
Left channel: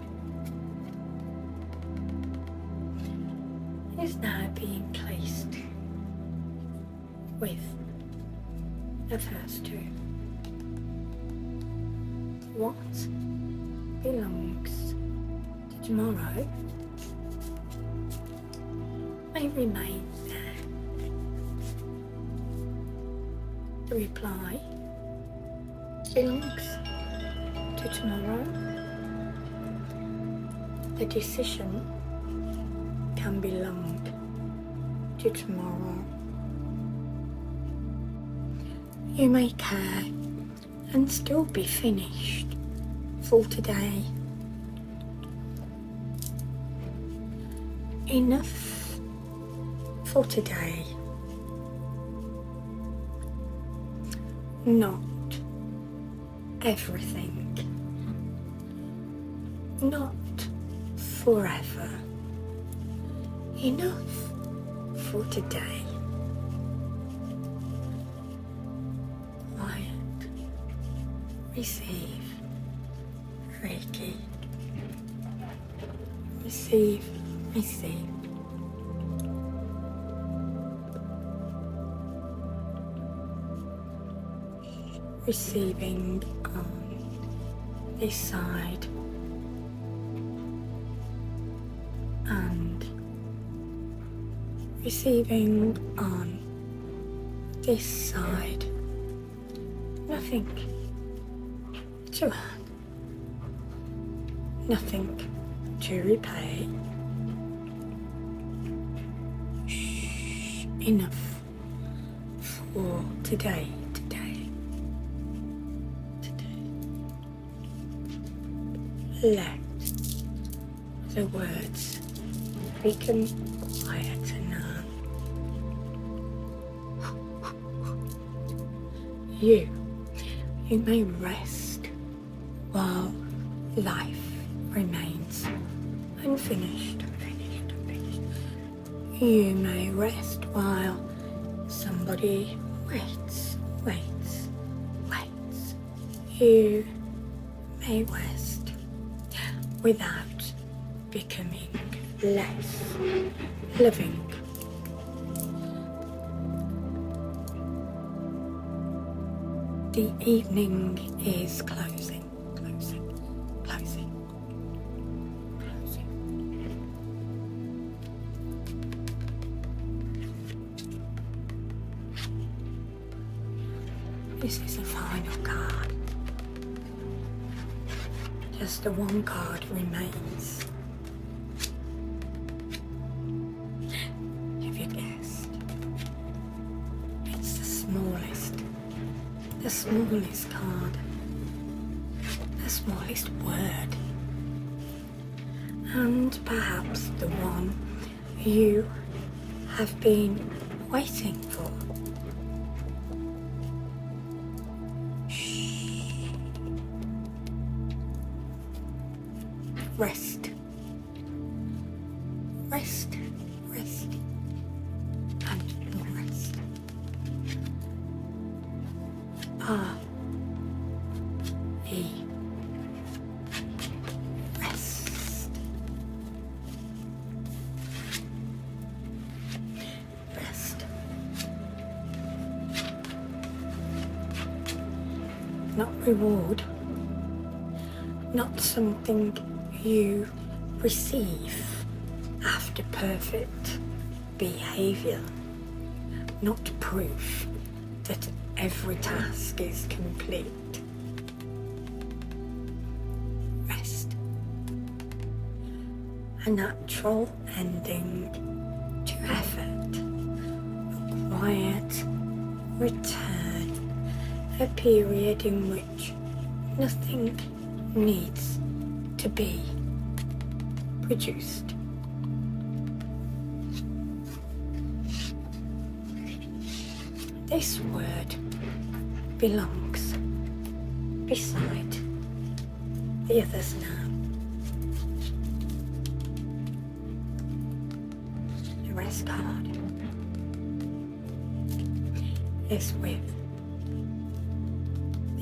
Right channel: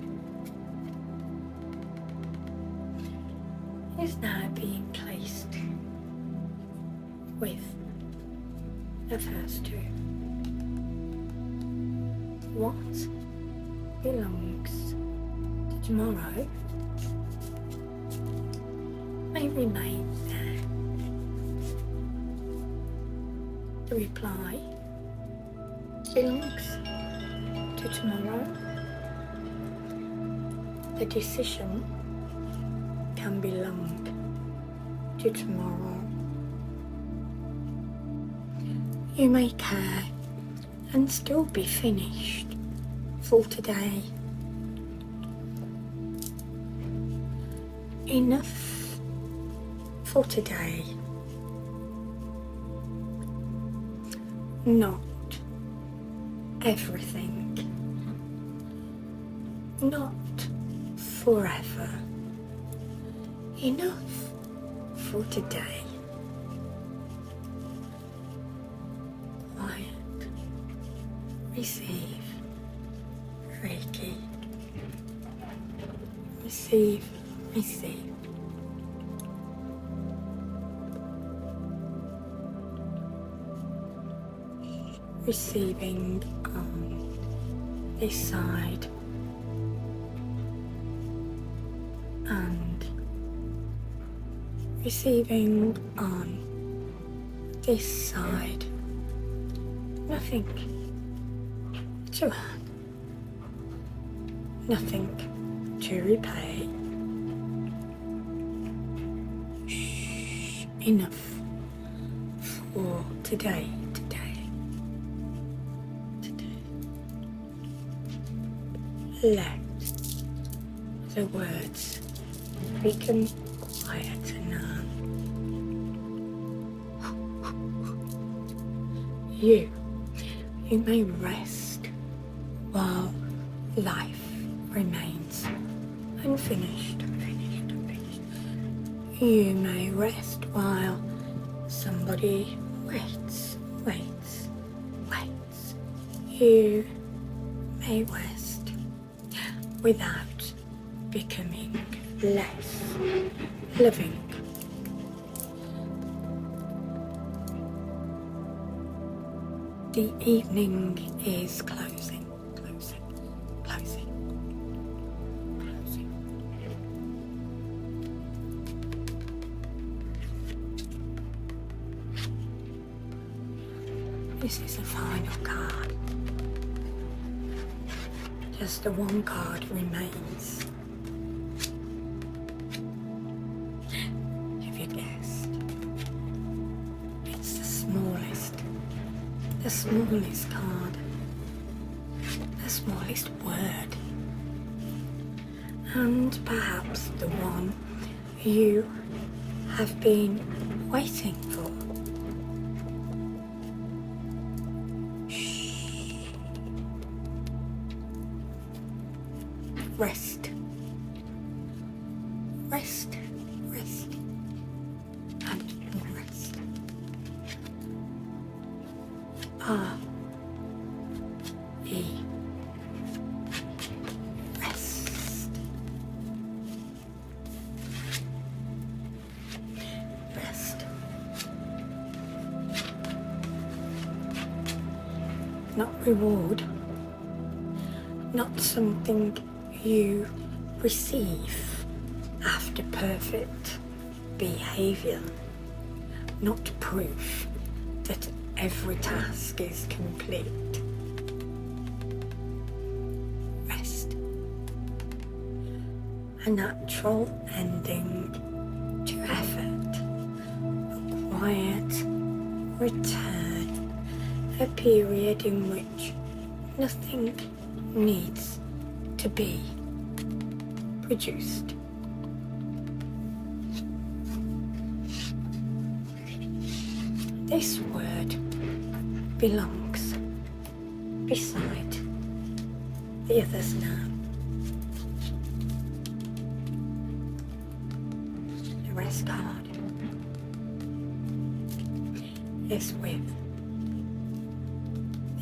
is now being placed with the first two. What belongs to tomorrow may remain there. The reply belongs to tomorrow. The decision can belong to tomorrow. You may care and still be finished for today. Enough for today. Not everything. Not forever. Enough for today. Quiet receive Reiki. Receive, receive. Receiving on this side and receiving on this side. Nothing to add, nothing to repay. Shh, enough for today. Let the words become quieter now. You may rest while life remains unfinished. You may rest while somebody waits. You may rest without becoming less loving. The evening is closing. This is the final card. Just the one card remains. Have you guessed? It's the smallest card, the smallest word, and perhaps the one you have been waiting for. Rest, and rest. Rest. Not reward, not something you receive after perfect behaviour, not proof that every task is complete. Rest. A natural ending to effort, a quiet return, a period in which nothing needs to be produced. This word belongs beside the others now. The rest card is with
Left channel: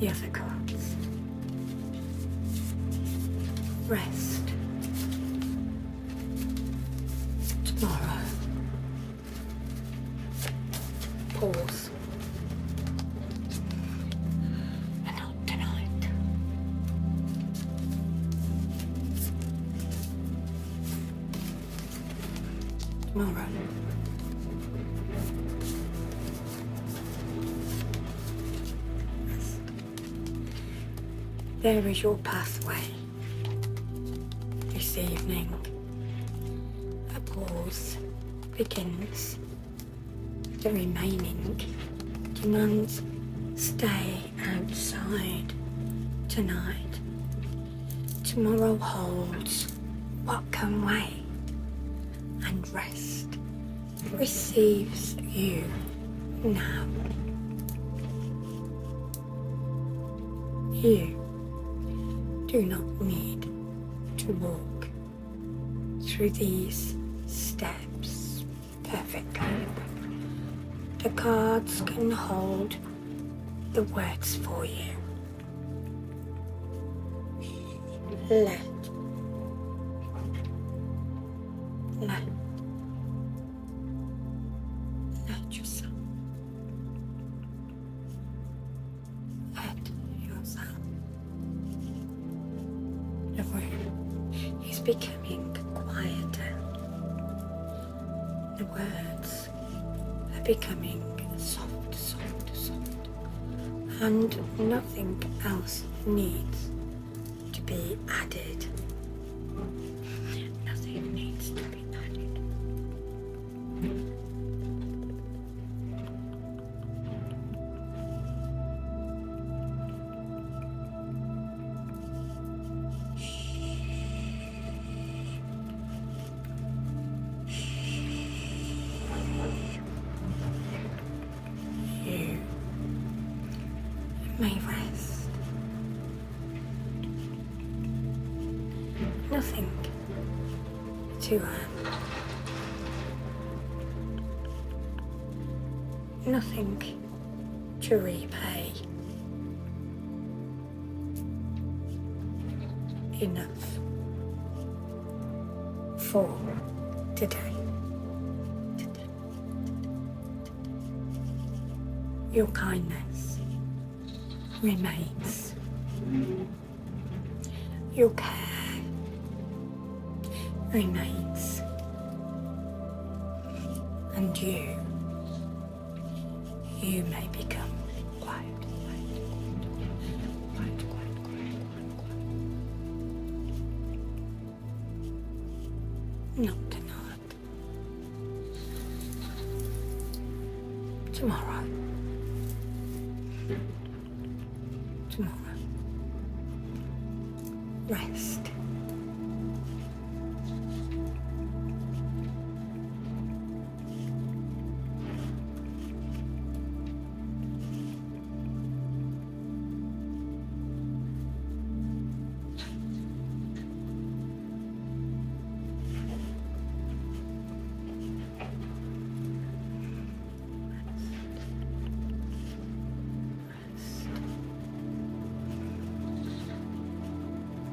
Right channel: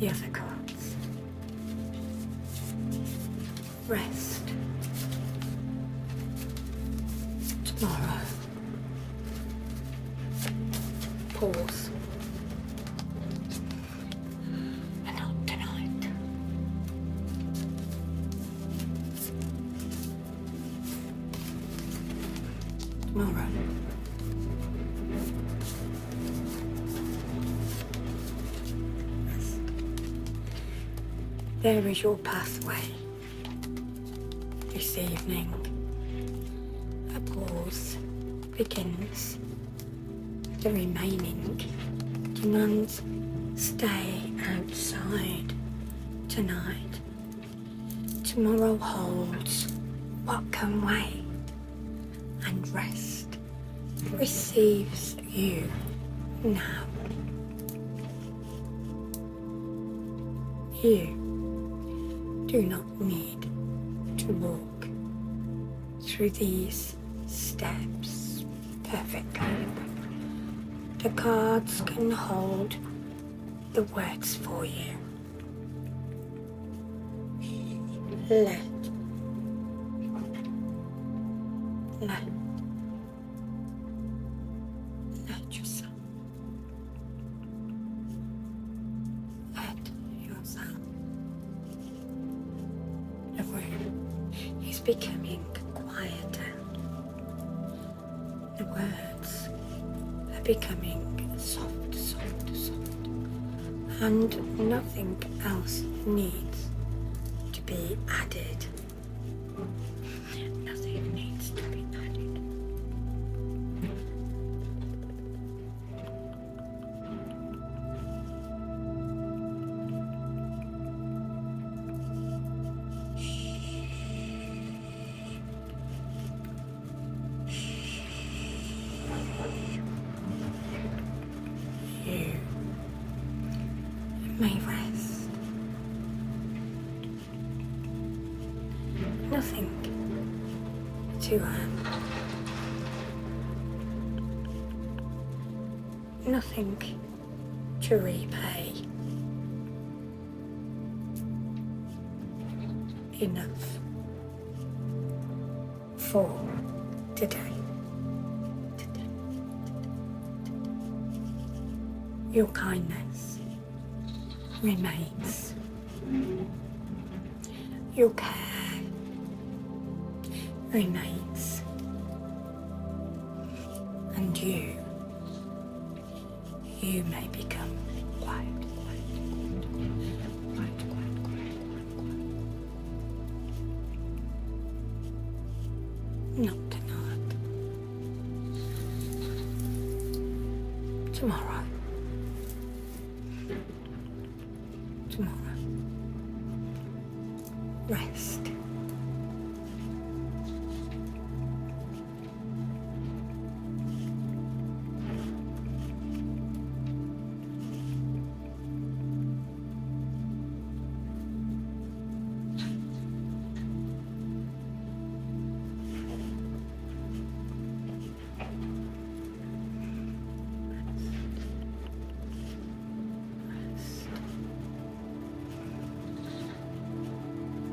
the other cards. Rest. Tomorrow. Pause. And not tonight. Tomorrow. Rest. There is your pathway. This evening, a pause begins. The remaining demands stay outside tonight. Tomorrow holds what can wait, and rest receives you now. You do not need to walk through these steps perfectly. The cards can hold the words for you. let yourself. Let yourself. The room is becoming quieter. The words are becoming soft, and nothing else needs to be added. Nothing needs to be added. You may rest. Nothing to earn. Nothing to repay. Enough for today. Your kindness remains. Your care remains. And you may become quiet. Not tonight. Tomorrow. Rest.